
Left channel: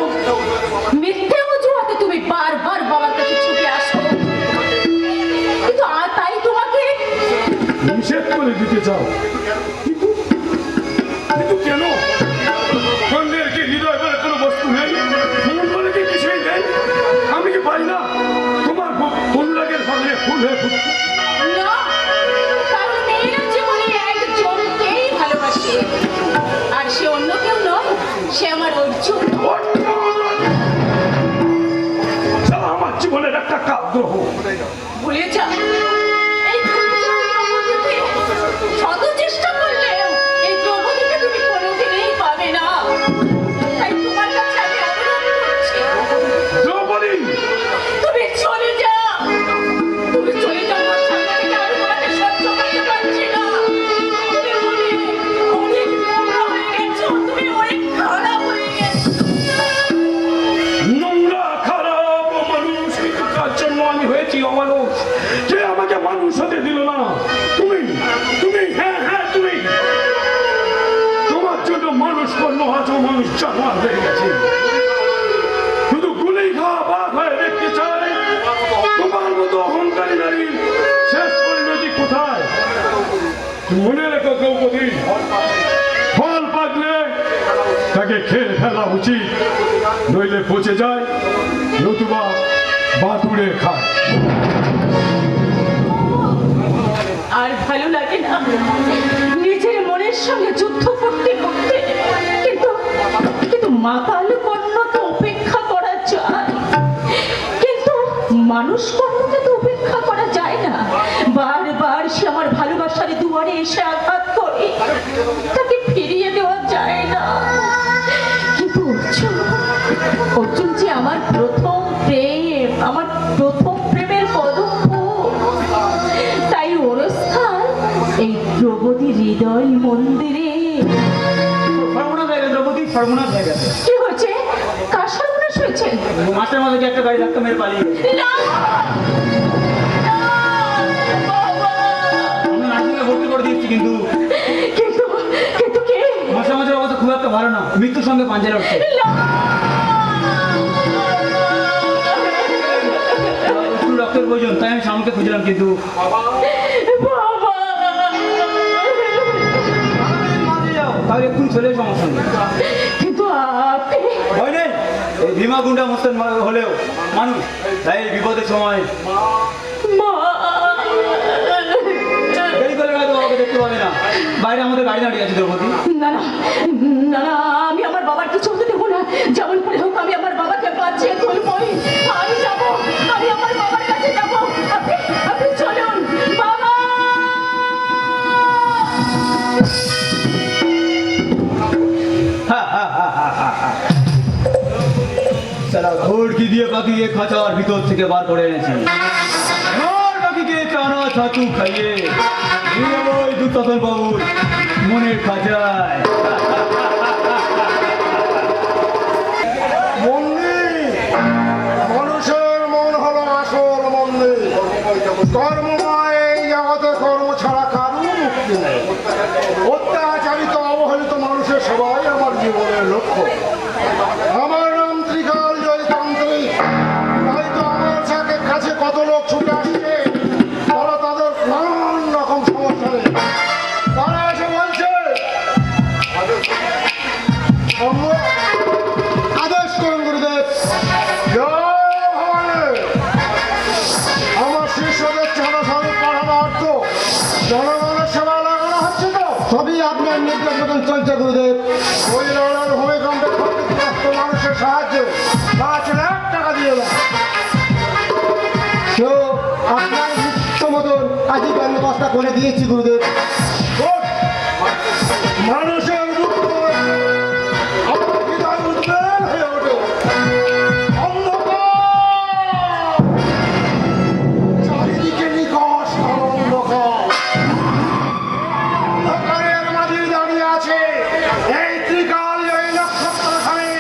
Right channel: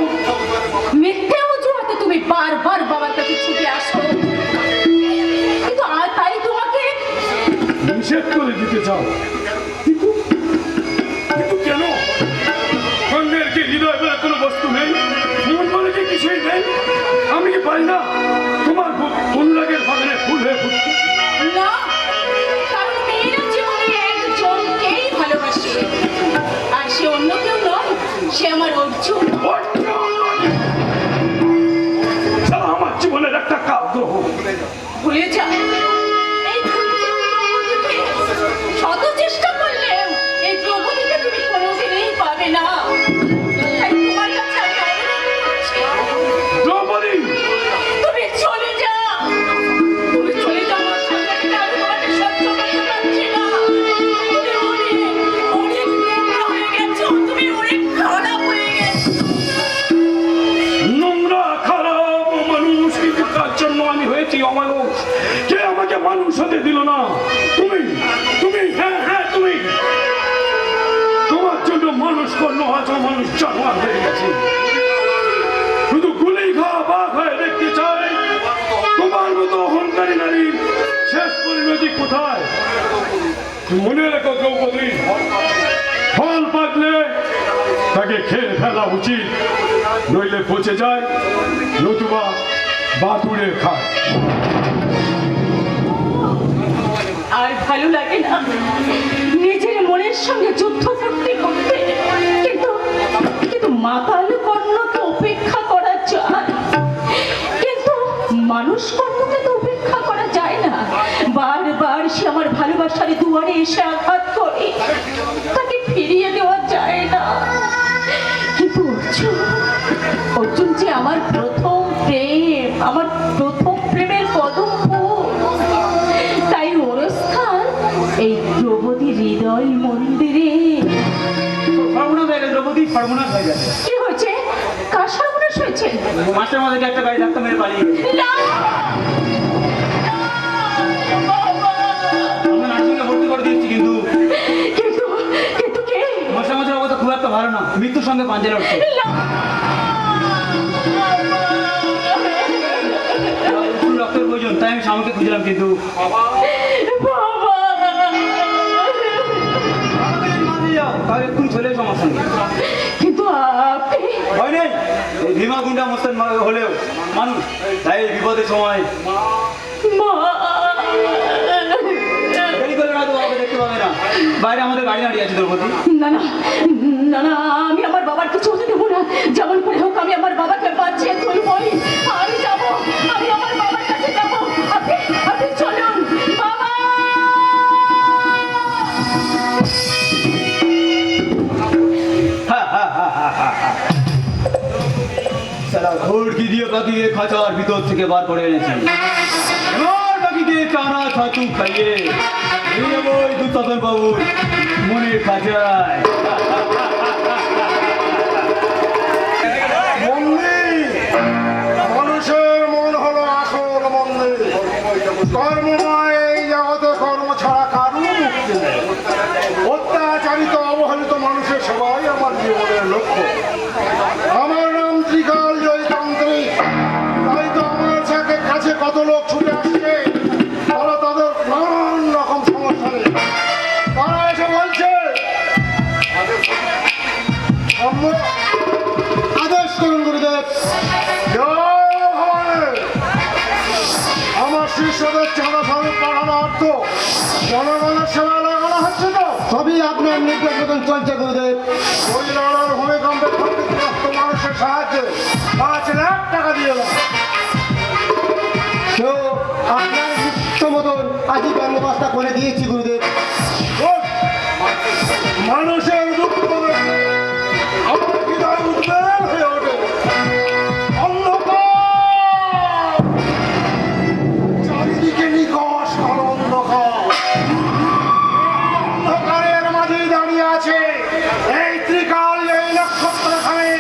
মিথ্যে অজুহাতে তুমি বারবার বাবার কাছে ছুটে আসো, কিন্তু আর তাই তোমাকে নিষেধ করে দিতে চাও, কিন্তু কিন্তু কেন? অন্যের কি হৃদয় বলে কোনো বস্তু নেই? মন বলে কি কিছুই নেই? আমি কি পারি না তোমার অনুরাগের ভাবনে ফুল হয়ে ফুটতে? না, কারণ মেয়েরা জীবনে একজনকেই ভালোবাসে, আর সে অন্য কেউ নয়, সে আমার অর্জুন। সারা আমার জীবনের একটা কাব্য ভুলে যা, এই দ্রৌপদীকে শত চেষ্টা করলেও এই দ্রৌপদীকে তুমি কোনোদিনই পাবে না। তাই তোমার কাছে আমি অনুরোধ করছি, দ্রৌপদী, তুমি চলে যাও। তুমি চলে যাও, আমার সামনে থেকে আর তোমাকে সহ্য করতে পারছি না। তুমি অনেক নোংরা হয়ে গেছো, তুমি অনেক খারাপ হয়ে গেছো। নোংরা খারাপ মানুষ, কিন্তু কার জন্য আমি হয়েছি অমানুষ? যে আমাকে মানুষ হতে দিল না। তুমি তুমি হ্যাঁ হ্যাঁ তুমি, তোমার জন্য মানুষ করলো, আজও মানুষ জানোয়ার হয়ে গেছে। শুধু গুলি খা বা খায় দেখতে চাই তোমার মতো অহংকারী নারীর শেষ পরিণতি কোথায়। মনে রেখো দ্রৌপদী, ফল পাকলে তাকে খেয়ে ফেলা উচিত, নইলে পচে যায়, নতুবা বাতুড়ে খায়। আর ভালো লাগে না নিজের মনের সঙ্গে যুদ্ধ করতে করতে, কিন্তু মাতাল কর্ণ তো উপেক্ষা করা যায়, কিন্তু মানুষ কর্ণকে তো উপেক্ষা করা যায় না। বারবার সে আমার ভালোবাসার দুয়ারে এসে আঘাত করে, তাকে ফিরিয়ে দেওয়া যায় না। কিন্তু অর্জুন যে আমার প্রথম প্রেম, আমার প্রথম প্রেমের কদম ফুল, তাই ওর স্থান এই দ্রৌপদী হৃদয় মন্দিরে। সর্বনাশ হয়ে গেছে দ্রৌপদী, সর্বনাশ হয়ে গেছে। কি হয়েছে? কার সর্বনাশ হয়েছে? মাসের মধ্যে একটা গাড়ি ধাক্কা মেরে পালিয়ে গেছে। না! না, বাবা! আমরা নার্সিংয়ে ভর্তি করে দিয়েছি, কিন্তু কিন্তু কে? মাসের মধ্যে অবস্থা খুব একটা ভালো না, মৃত্যুর সঙ্গে পাঞ্জা লড়ছে। না! একটু রক্তের প্রয়োজন, তাই আমি স্বামীকে খুঁজলাম, কিন্তু বাবা! মাঝে যাও, তাহলে একটু চলে এসো আমার সঙ্গে। কিন্তু আপনি ভয় নেই, এই ভীমা গুন্ডা মস্তান হলেও মানুষ, তাই এই বিপদের সময় মা! দেরি করে হয়তো বাবাকে দেখতে পাবে না। বাইরে আমাদের গাড়ি দাঁড়িয়ে আছে দ্রৌপদী। না না না না, আমি আমার বাবার কিছু হতে দেবো না। যেমন করে হোক আমি আমার বাবাকে বাঁচিয়ে তুলবই। আমি যাবো, আমি আমার বাবার কাছে যাবো। আপনি চলুন বাবা। সারা ঘোড়কি দিয়ে পাখিকে খাঁচার ভিতর থেকে বার করে এনেছি। আর পাখিকে চানা ছাতু খাইয়ে নিয়ে যাবো ওই দুঃশাসন বাবুর মনের খাঁচায়। মন্দির, মানুষের মন হলো আসল মন্দির। কর্মময় এই জগতে কর্ম ছাড়া কারো মুক্তি নেই। অত্যাচারিত অবহেলিত মানুষের সবাই আমার জীবনের লক্ষ্য। আমার নাম ত্রিকাল জয়তান্ত্রিক, তাই তো আমার সাথে কাছে কত লোক ছুটে আসবে, তারা তাদের নানান রকম সমস্যা নেই। তারা এসে বলছে আদেশ করুন গুরুদেব। জয় ভবানী। আমার শিষ্যদের চাঁদা স্বরূপ পড়ানো অর্থ জনগণের সেবা লাগানো হচ্ছে তো? সবই আপনার নির্দেশ মতন চলছে গুরুদেব। ওই লড়ার ভূমিকম্পে ক্ষতিগ্রস্ত মানুষের সাহায্যে 5 লাখ টাকা দিয়ে দেয়। তো আপনার নিশ্চিত মতন আজই বন্দোবস্ত করে দিয়েছি গুরুদেব। Good. মানুষের দুঃখ আমার হৃদয় উদ্বেগ হয়ে ওঠে। অন্ধকার, চারিদিকে নিকষ অন্ধকার। অন্ধকারের মাঝে দাঁড়িয়ে আছে এই ত্রিকাল এই নক্ষত্রখানে।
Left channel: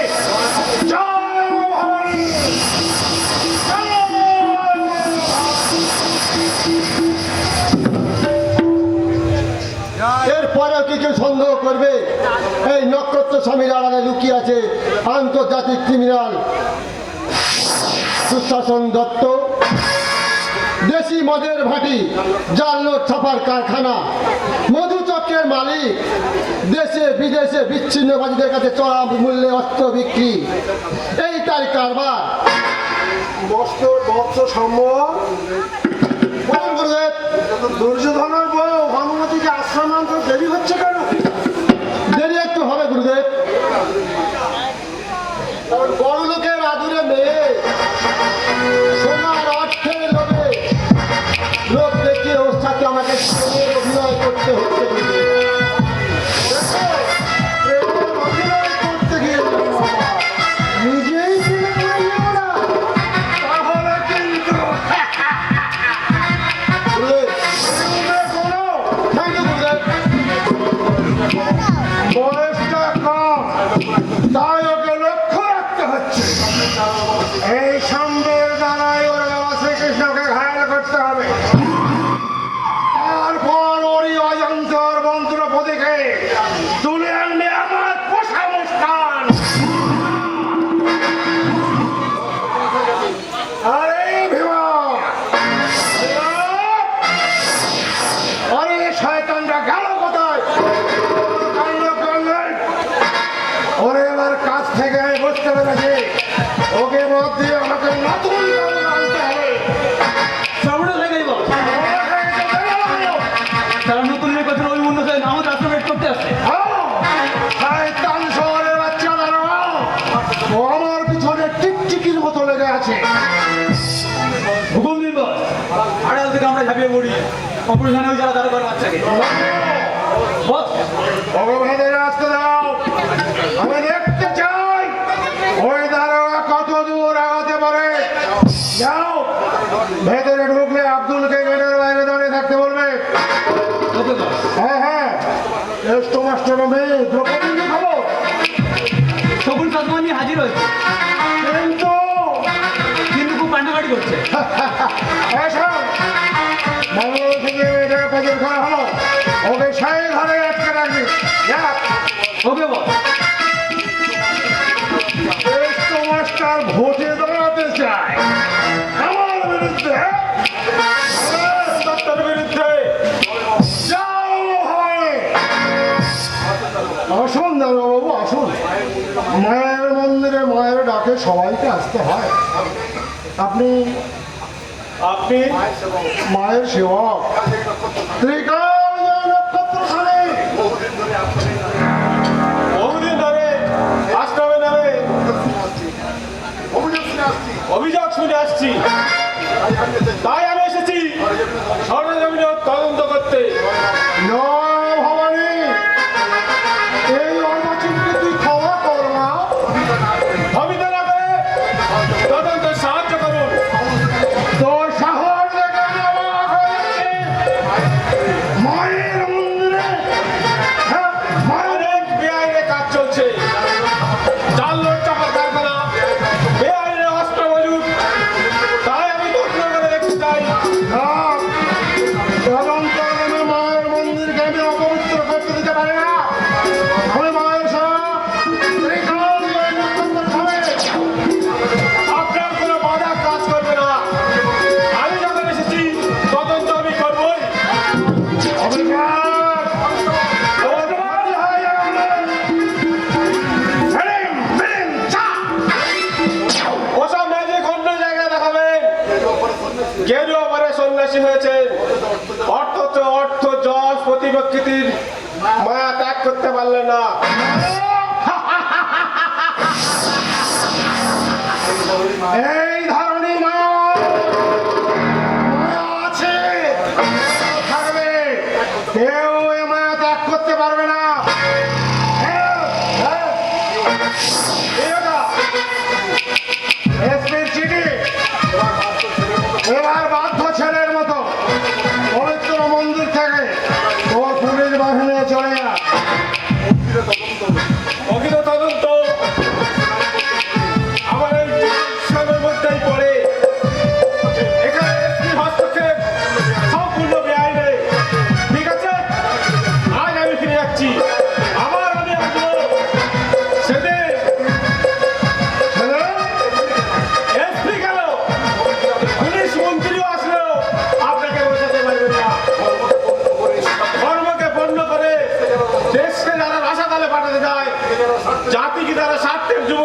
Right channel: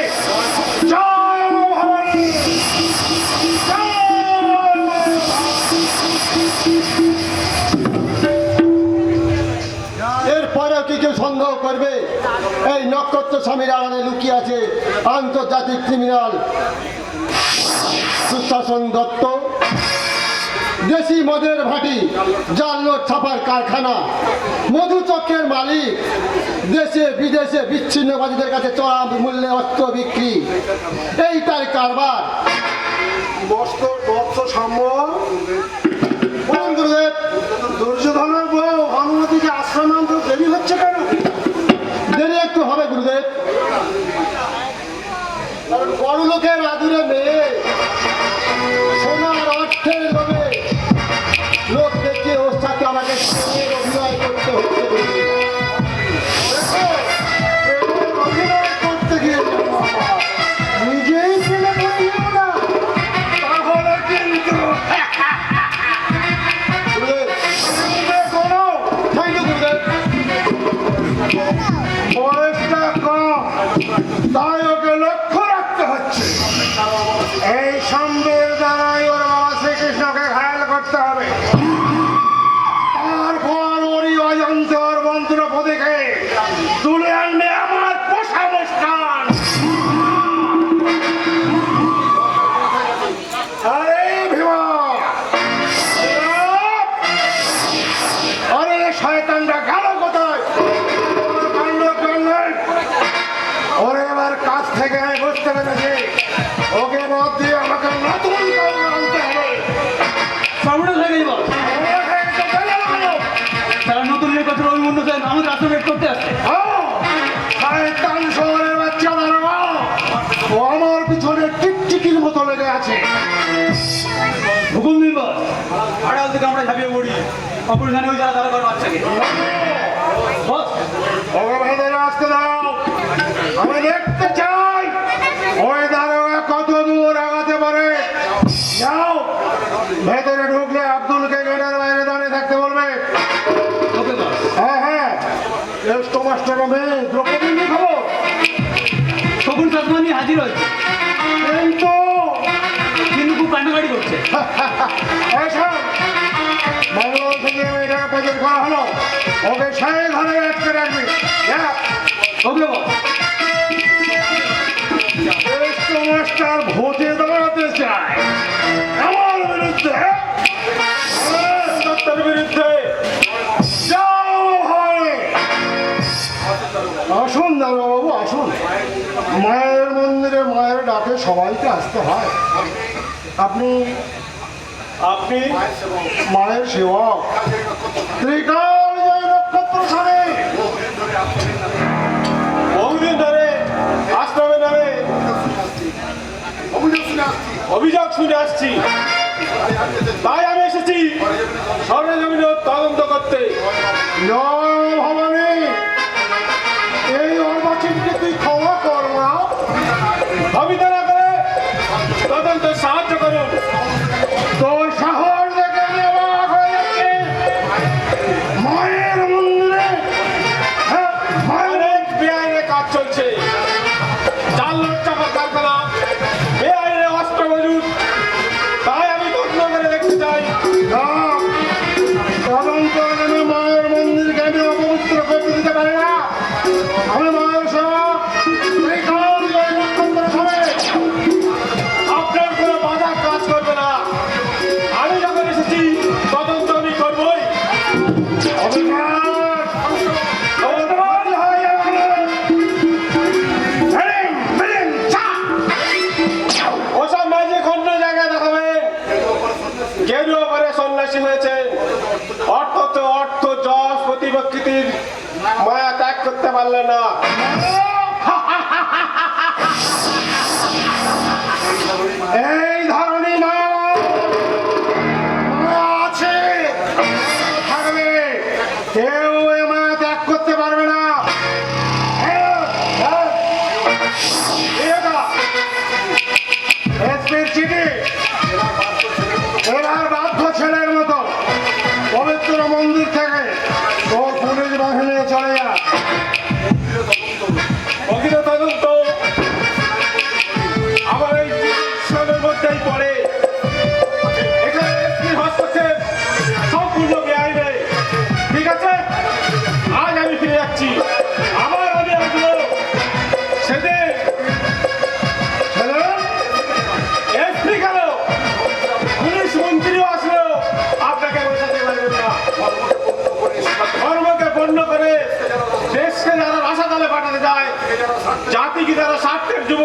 জয় মা ভবানী, জয় মা ভবানী। এরপরেও কি কেউ সন্দেহ করবে এই নক্ষত্র স্বামীর আড়ালে লুকিয়ে আছে আন্তর্জাতিক ক্রিমিনাল সুশাসন দত্ত? দেশি মদের ভাটি, জাল নোট ছাপার কারখানা, মধু চক্রের মালিক, দেশে বিদেশে বিচ্ছিন্নবাদীদের কাছে চড়া মূল্যে অস্ত্র বিক্রি, এই তার কারবার। মস্ত বৎস সাম্য বলুন গুরুদেব। দুর্যোধনের বউ ভানুমতিকে আশ্রম আনতে দেরি হচ্ছে কেন? দেরি একটু হবে গুরুদেব, কারণ বড় লোকের আদুরে মেয়ে সোনার অর্থের লোভে লোক দেখিয়ে ওর সাথে আমাকে প্রেমের অভিনয় করতে হচ্ছে গুরুদেব। প্রেমের অভিনয় করতে গিয়ে নিজেই কিনে নিয়ে না, তাহলে কিন্তু গুরুদেব, কোনো থ্যাংক ইউ গুরুদেব। বয়সটা কম, তাই ওকে লক্ষ্য রাখতে হচ্ছে। এই সাম্যের দ্বারাই ওর বাবা শ্রীকৃষ্ণকে ঘায়াল করতে হবে। তারপর ওরই অজন্তর মন্ত্রপদীকে তুলে আনবে আমার পোষা মুস্কান। আরে ভীমা, আরে শয়তানটা গেল কোথায়? কাণ্ড করলেন। ওরে এবার কাছ থেকে আমি বুঝতে পেরেছি, ওকে মত দিয়ে আমাকে নতুন কাউকে আনতে হবে। সামনে থেকে বল, ওকে তো দেরি হলো। তার নতুন কথা ওই মনে হয় আমাদের আশ্রমেট করতে আসছে। শয়তান শহরের বাচ্চা দাঁড়াও, ও আমার পিছনে টিকটিকির মতো লেগে আছে। হুকুম দিন বল, আড়াল থেকে আমরা ঝাঁপিয়ে পড়ি অপারেশনে ওই যারা দাঁড়া বাচ্চাকে বস। ওকে ভেতরে আসতে দাও, আমি দেখতে চাই ওই দারোগা কত দূর আগাতে পারে। যাও, ভেতরে ঢুকলে আব্দুলকে গেটের বাইরে দাঁড়িয়ে থাকতে বলবে। ওকে বস। হ্যাঁ হ্যাঁ, রেস্টো মাস্টারের মেয়ে দ্রৌপদী কি খবর? তখন সাতমানি হাজির হয়েছে, কিন্তু কিন্তু খুব কান্নাকাটি করছে। এসো, ব্যাঙ্গালোর থেকে এটা প্রচার করা হলো, ওকে সাই ঘরে আটকে রাখবি। যা। ওকে বস। রেস্টো মাস্টার ভোটে দাঁড়াতে চায় আমার বিরুদ্ধে, দত্তর বিরুদ্ধে। যাও হয়। আসুন দাদাবাবু, আসুন। মায়ের মন্দিরে মায়ের ডাকে সবাইকে আসতে হয়। আপনি আপনি মায়ের সেবক, ত্রিকাল জয় নক্ষত্রখানি। বহুদিন ধরে আশ্রমে নামে অভিযোগ শুনে আসছি, তাই আমি এসেছি সরজমিনের তদন্ত করতে। জয় ভবানী, এই অর্বাচীনকে তুই ক্ষমা কর না, ভাবিত না করে তদন্ত সাহায্য করুন। তোর সাহস দেখে আমি অবাক হয়ে যাচ্ছি। মায়ের মন্দিরে অনেক বেআইনে কাজ চলছে, জাল নোট চাপার কারখানা, বেআইনে অস্ত্র মজুদ, তাই আমি তদন্ত করে দেখতে চাই। তদন্ত করে মায়ের মন্দিরকে আমি অপবিত্র করতে দিতে পারি না। আমি মায়ের সেবক, ত্রিকাল জয় নক্ষত্রখানি। আপনার কোনো বাধা কাজ করবে না। আমি যখন এসেছি তদন্ত আমি করবই। অবিনাশ, তোর বাড়ি হয়ে যাবে। ফিল্ম, ফিল্ম, চা। ওসব মাঝে খন্ড জায়গায় দেখাবে। গেরুয়া পরে সন্ন্যাসী হয়েছে, অর্থ তো অর্থ, যশ, প্রতিপক্ষিতির মায়া ত্যাগ করতে পারলে না। এই ধরনের মায়া আছে, থাকবে, কেউ এ মায়া ত্যাগ করতে পারবে না। এসপির চিঠি, এবার বাধ্য ছেলের মতো পবিত্র মন্দির থেকে তোর পুলিশ বাহিনী চলে যা। প্রকৃত তদন্ত আমার এই সবের মধ্যেই পড়ে। এখানে এসপির হস্তক্ষেপ সম্পূর্ণ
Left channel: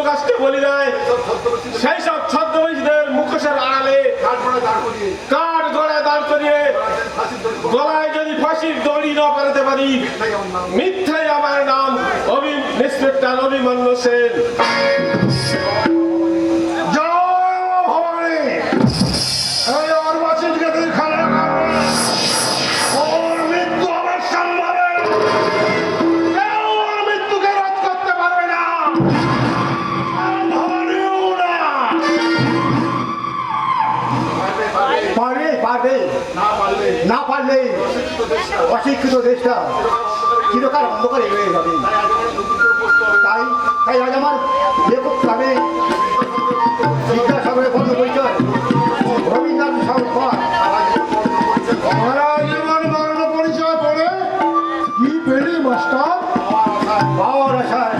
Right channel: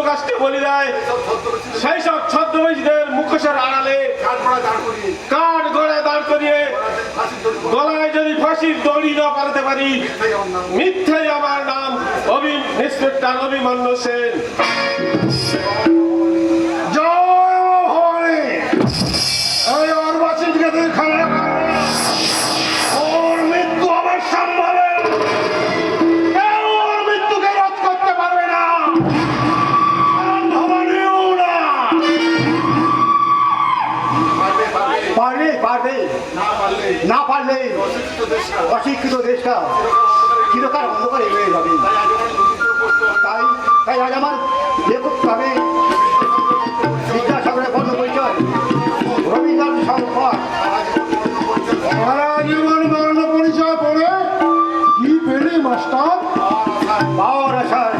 কাজকে বলি দেয় সেই সব ছদ্মবেশীদের মুখোশের আড়ালে কাঠ গড়ায় দাঁড় করিয়ে গলায় যদি ফাঁসির দড়ি না পালাতে পারি, মিথ্যে আমার নাম ইন্সপেক্টর অভিমন্যু সেন। জয় ভবানী। এই অর্বাচীনকে তুই খানা খাবে, ওর মৃত্যু আমার সম্ভবে, কেউ ওর মৃত্যুকে রোধ করতে পারবে না, আর ভবানীও না। পারবে না পারলে অশিক্ষিত দেশটা চিরকাল অন্ধকারে রয়ে যাবে। তাই তাই আজ আমার লেখক ক্লাবে জিজ্ঞাসাগরের বন্ধ পরিচয় রবীন্দ্রনাথ সংখ্যা সারা জীবন বর্ণ পরিচয় পড়ে কি পেলি মাস্টার? বাবার আশায়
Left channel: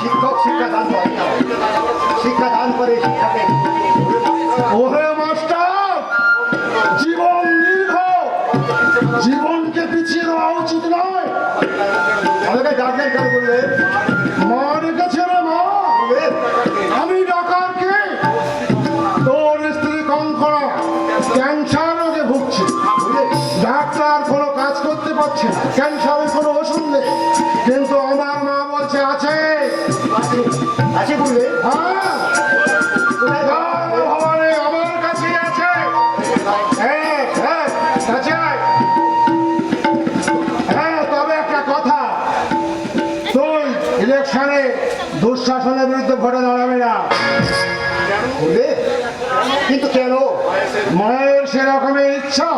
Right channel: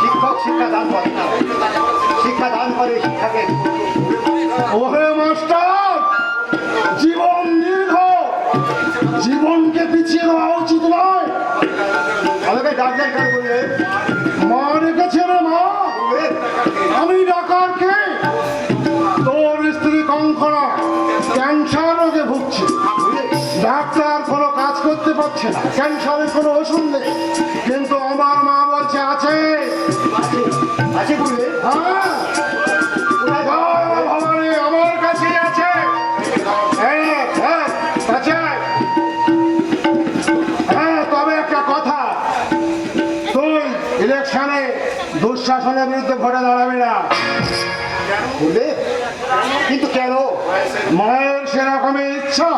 শিক্ষক শিক্ষা দান করে না, শিক্ষা দান করে শিক্ষাকে। ওহে মাস্টার, জীবন দীর্ঘ, জীবনকে পিছিয়ে দেওয়া উচিত নয়। আমাকে ডাক্তার কেন বললে? মা ডেকেছিল না, আমি ডাকারকে। তোর স্ত্রী কঙ্কনা ক্যান্সার রোগে ভুগছে, ডাক্তার কোনো কাজ করতে পারছে না, ক্যান্সারের কোনো ওষুধ নেই, কিন্তু আমার মা বলছে আছে। আছে বললে? হ্যাঁ, ভবানী আমার কাছে আছে। হ্যাঁ, হ্যাঁ, আছে। হ্যাঁ, তবে একটা কথা, তুই ইলেকশনে দুঃশাসনের বিরুদ্ধে ভোটে দাঁড়াবি না। বললে? কিন্তু কেন? মায়ের সেরকমই ইচ্ছা।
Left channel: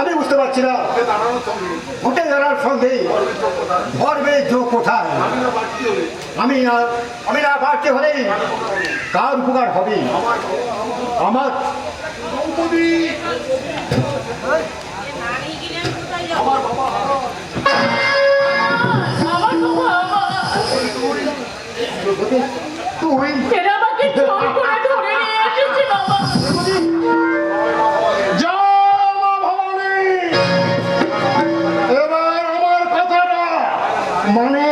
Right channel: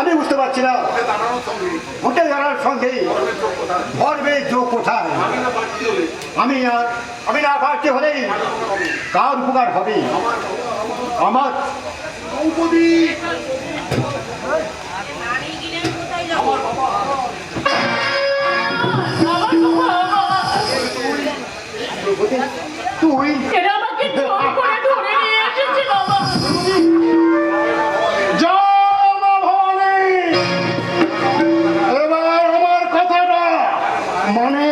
আমি বুঝতে পারছি না, ভোটে দাঁড়ার সঙ্গে ধর্মের যোগ কোথায়? আমি না পারতে হলে কার উপকার হবে? আমার তুই এরা আমাকে জোর করে ধরে নিয়ে এসেছে বাবা। জয় মা ভবানী। এবার আমার কথাটা মানে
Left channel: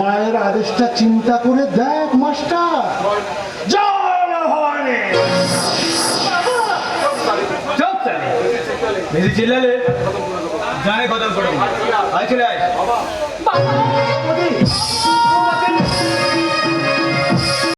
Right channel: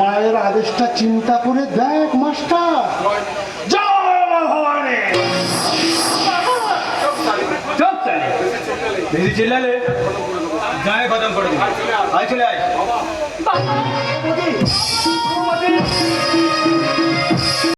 মায়ের আদেশটা চিন্তা করে দেখ মাস্টার। জয় মা ভবানী। চুপ স্যার, বেশি চিল্লালে জানে খতম করে দিই। আয় চলে আয়। বাবা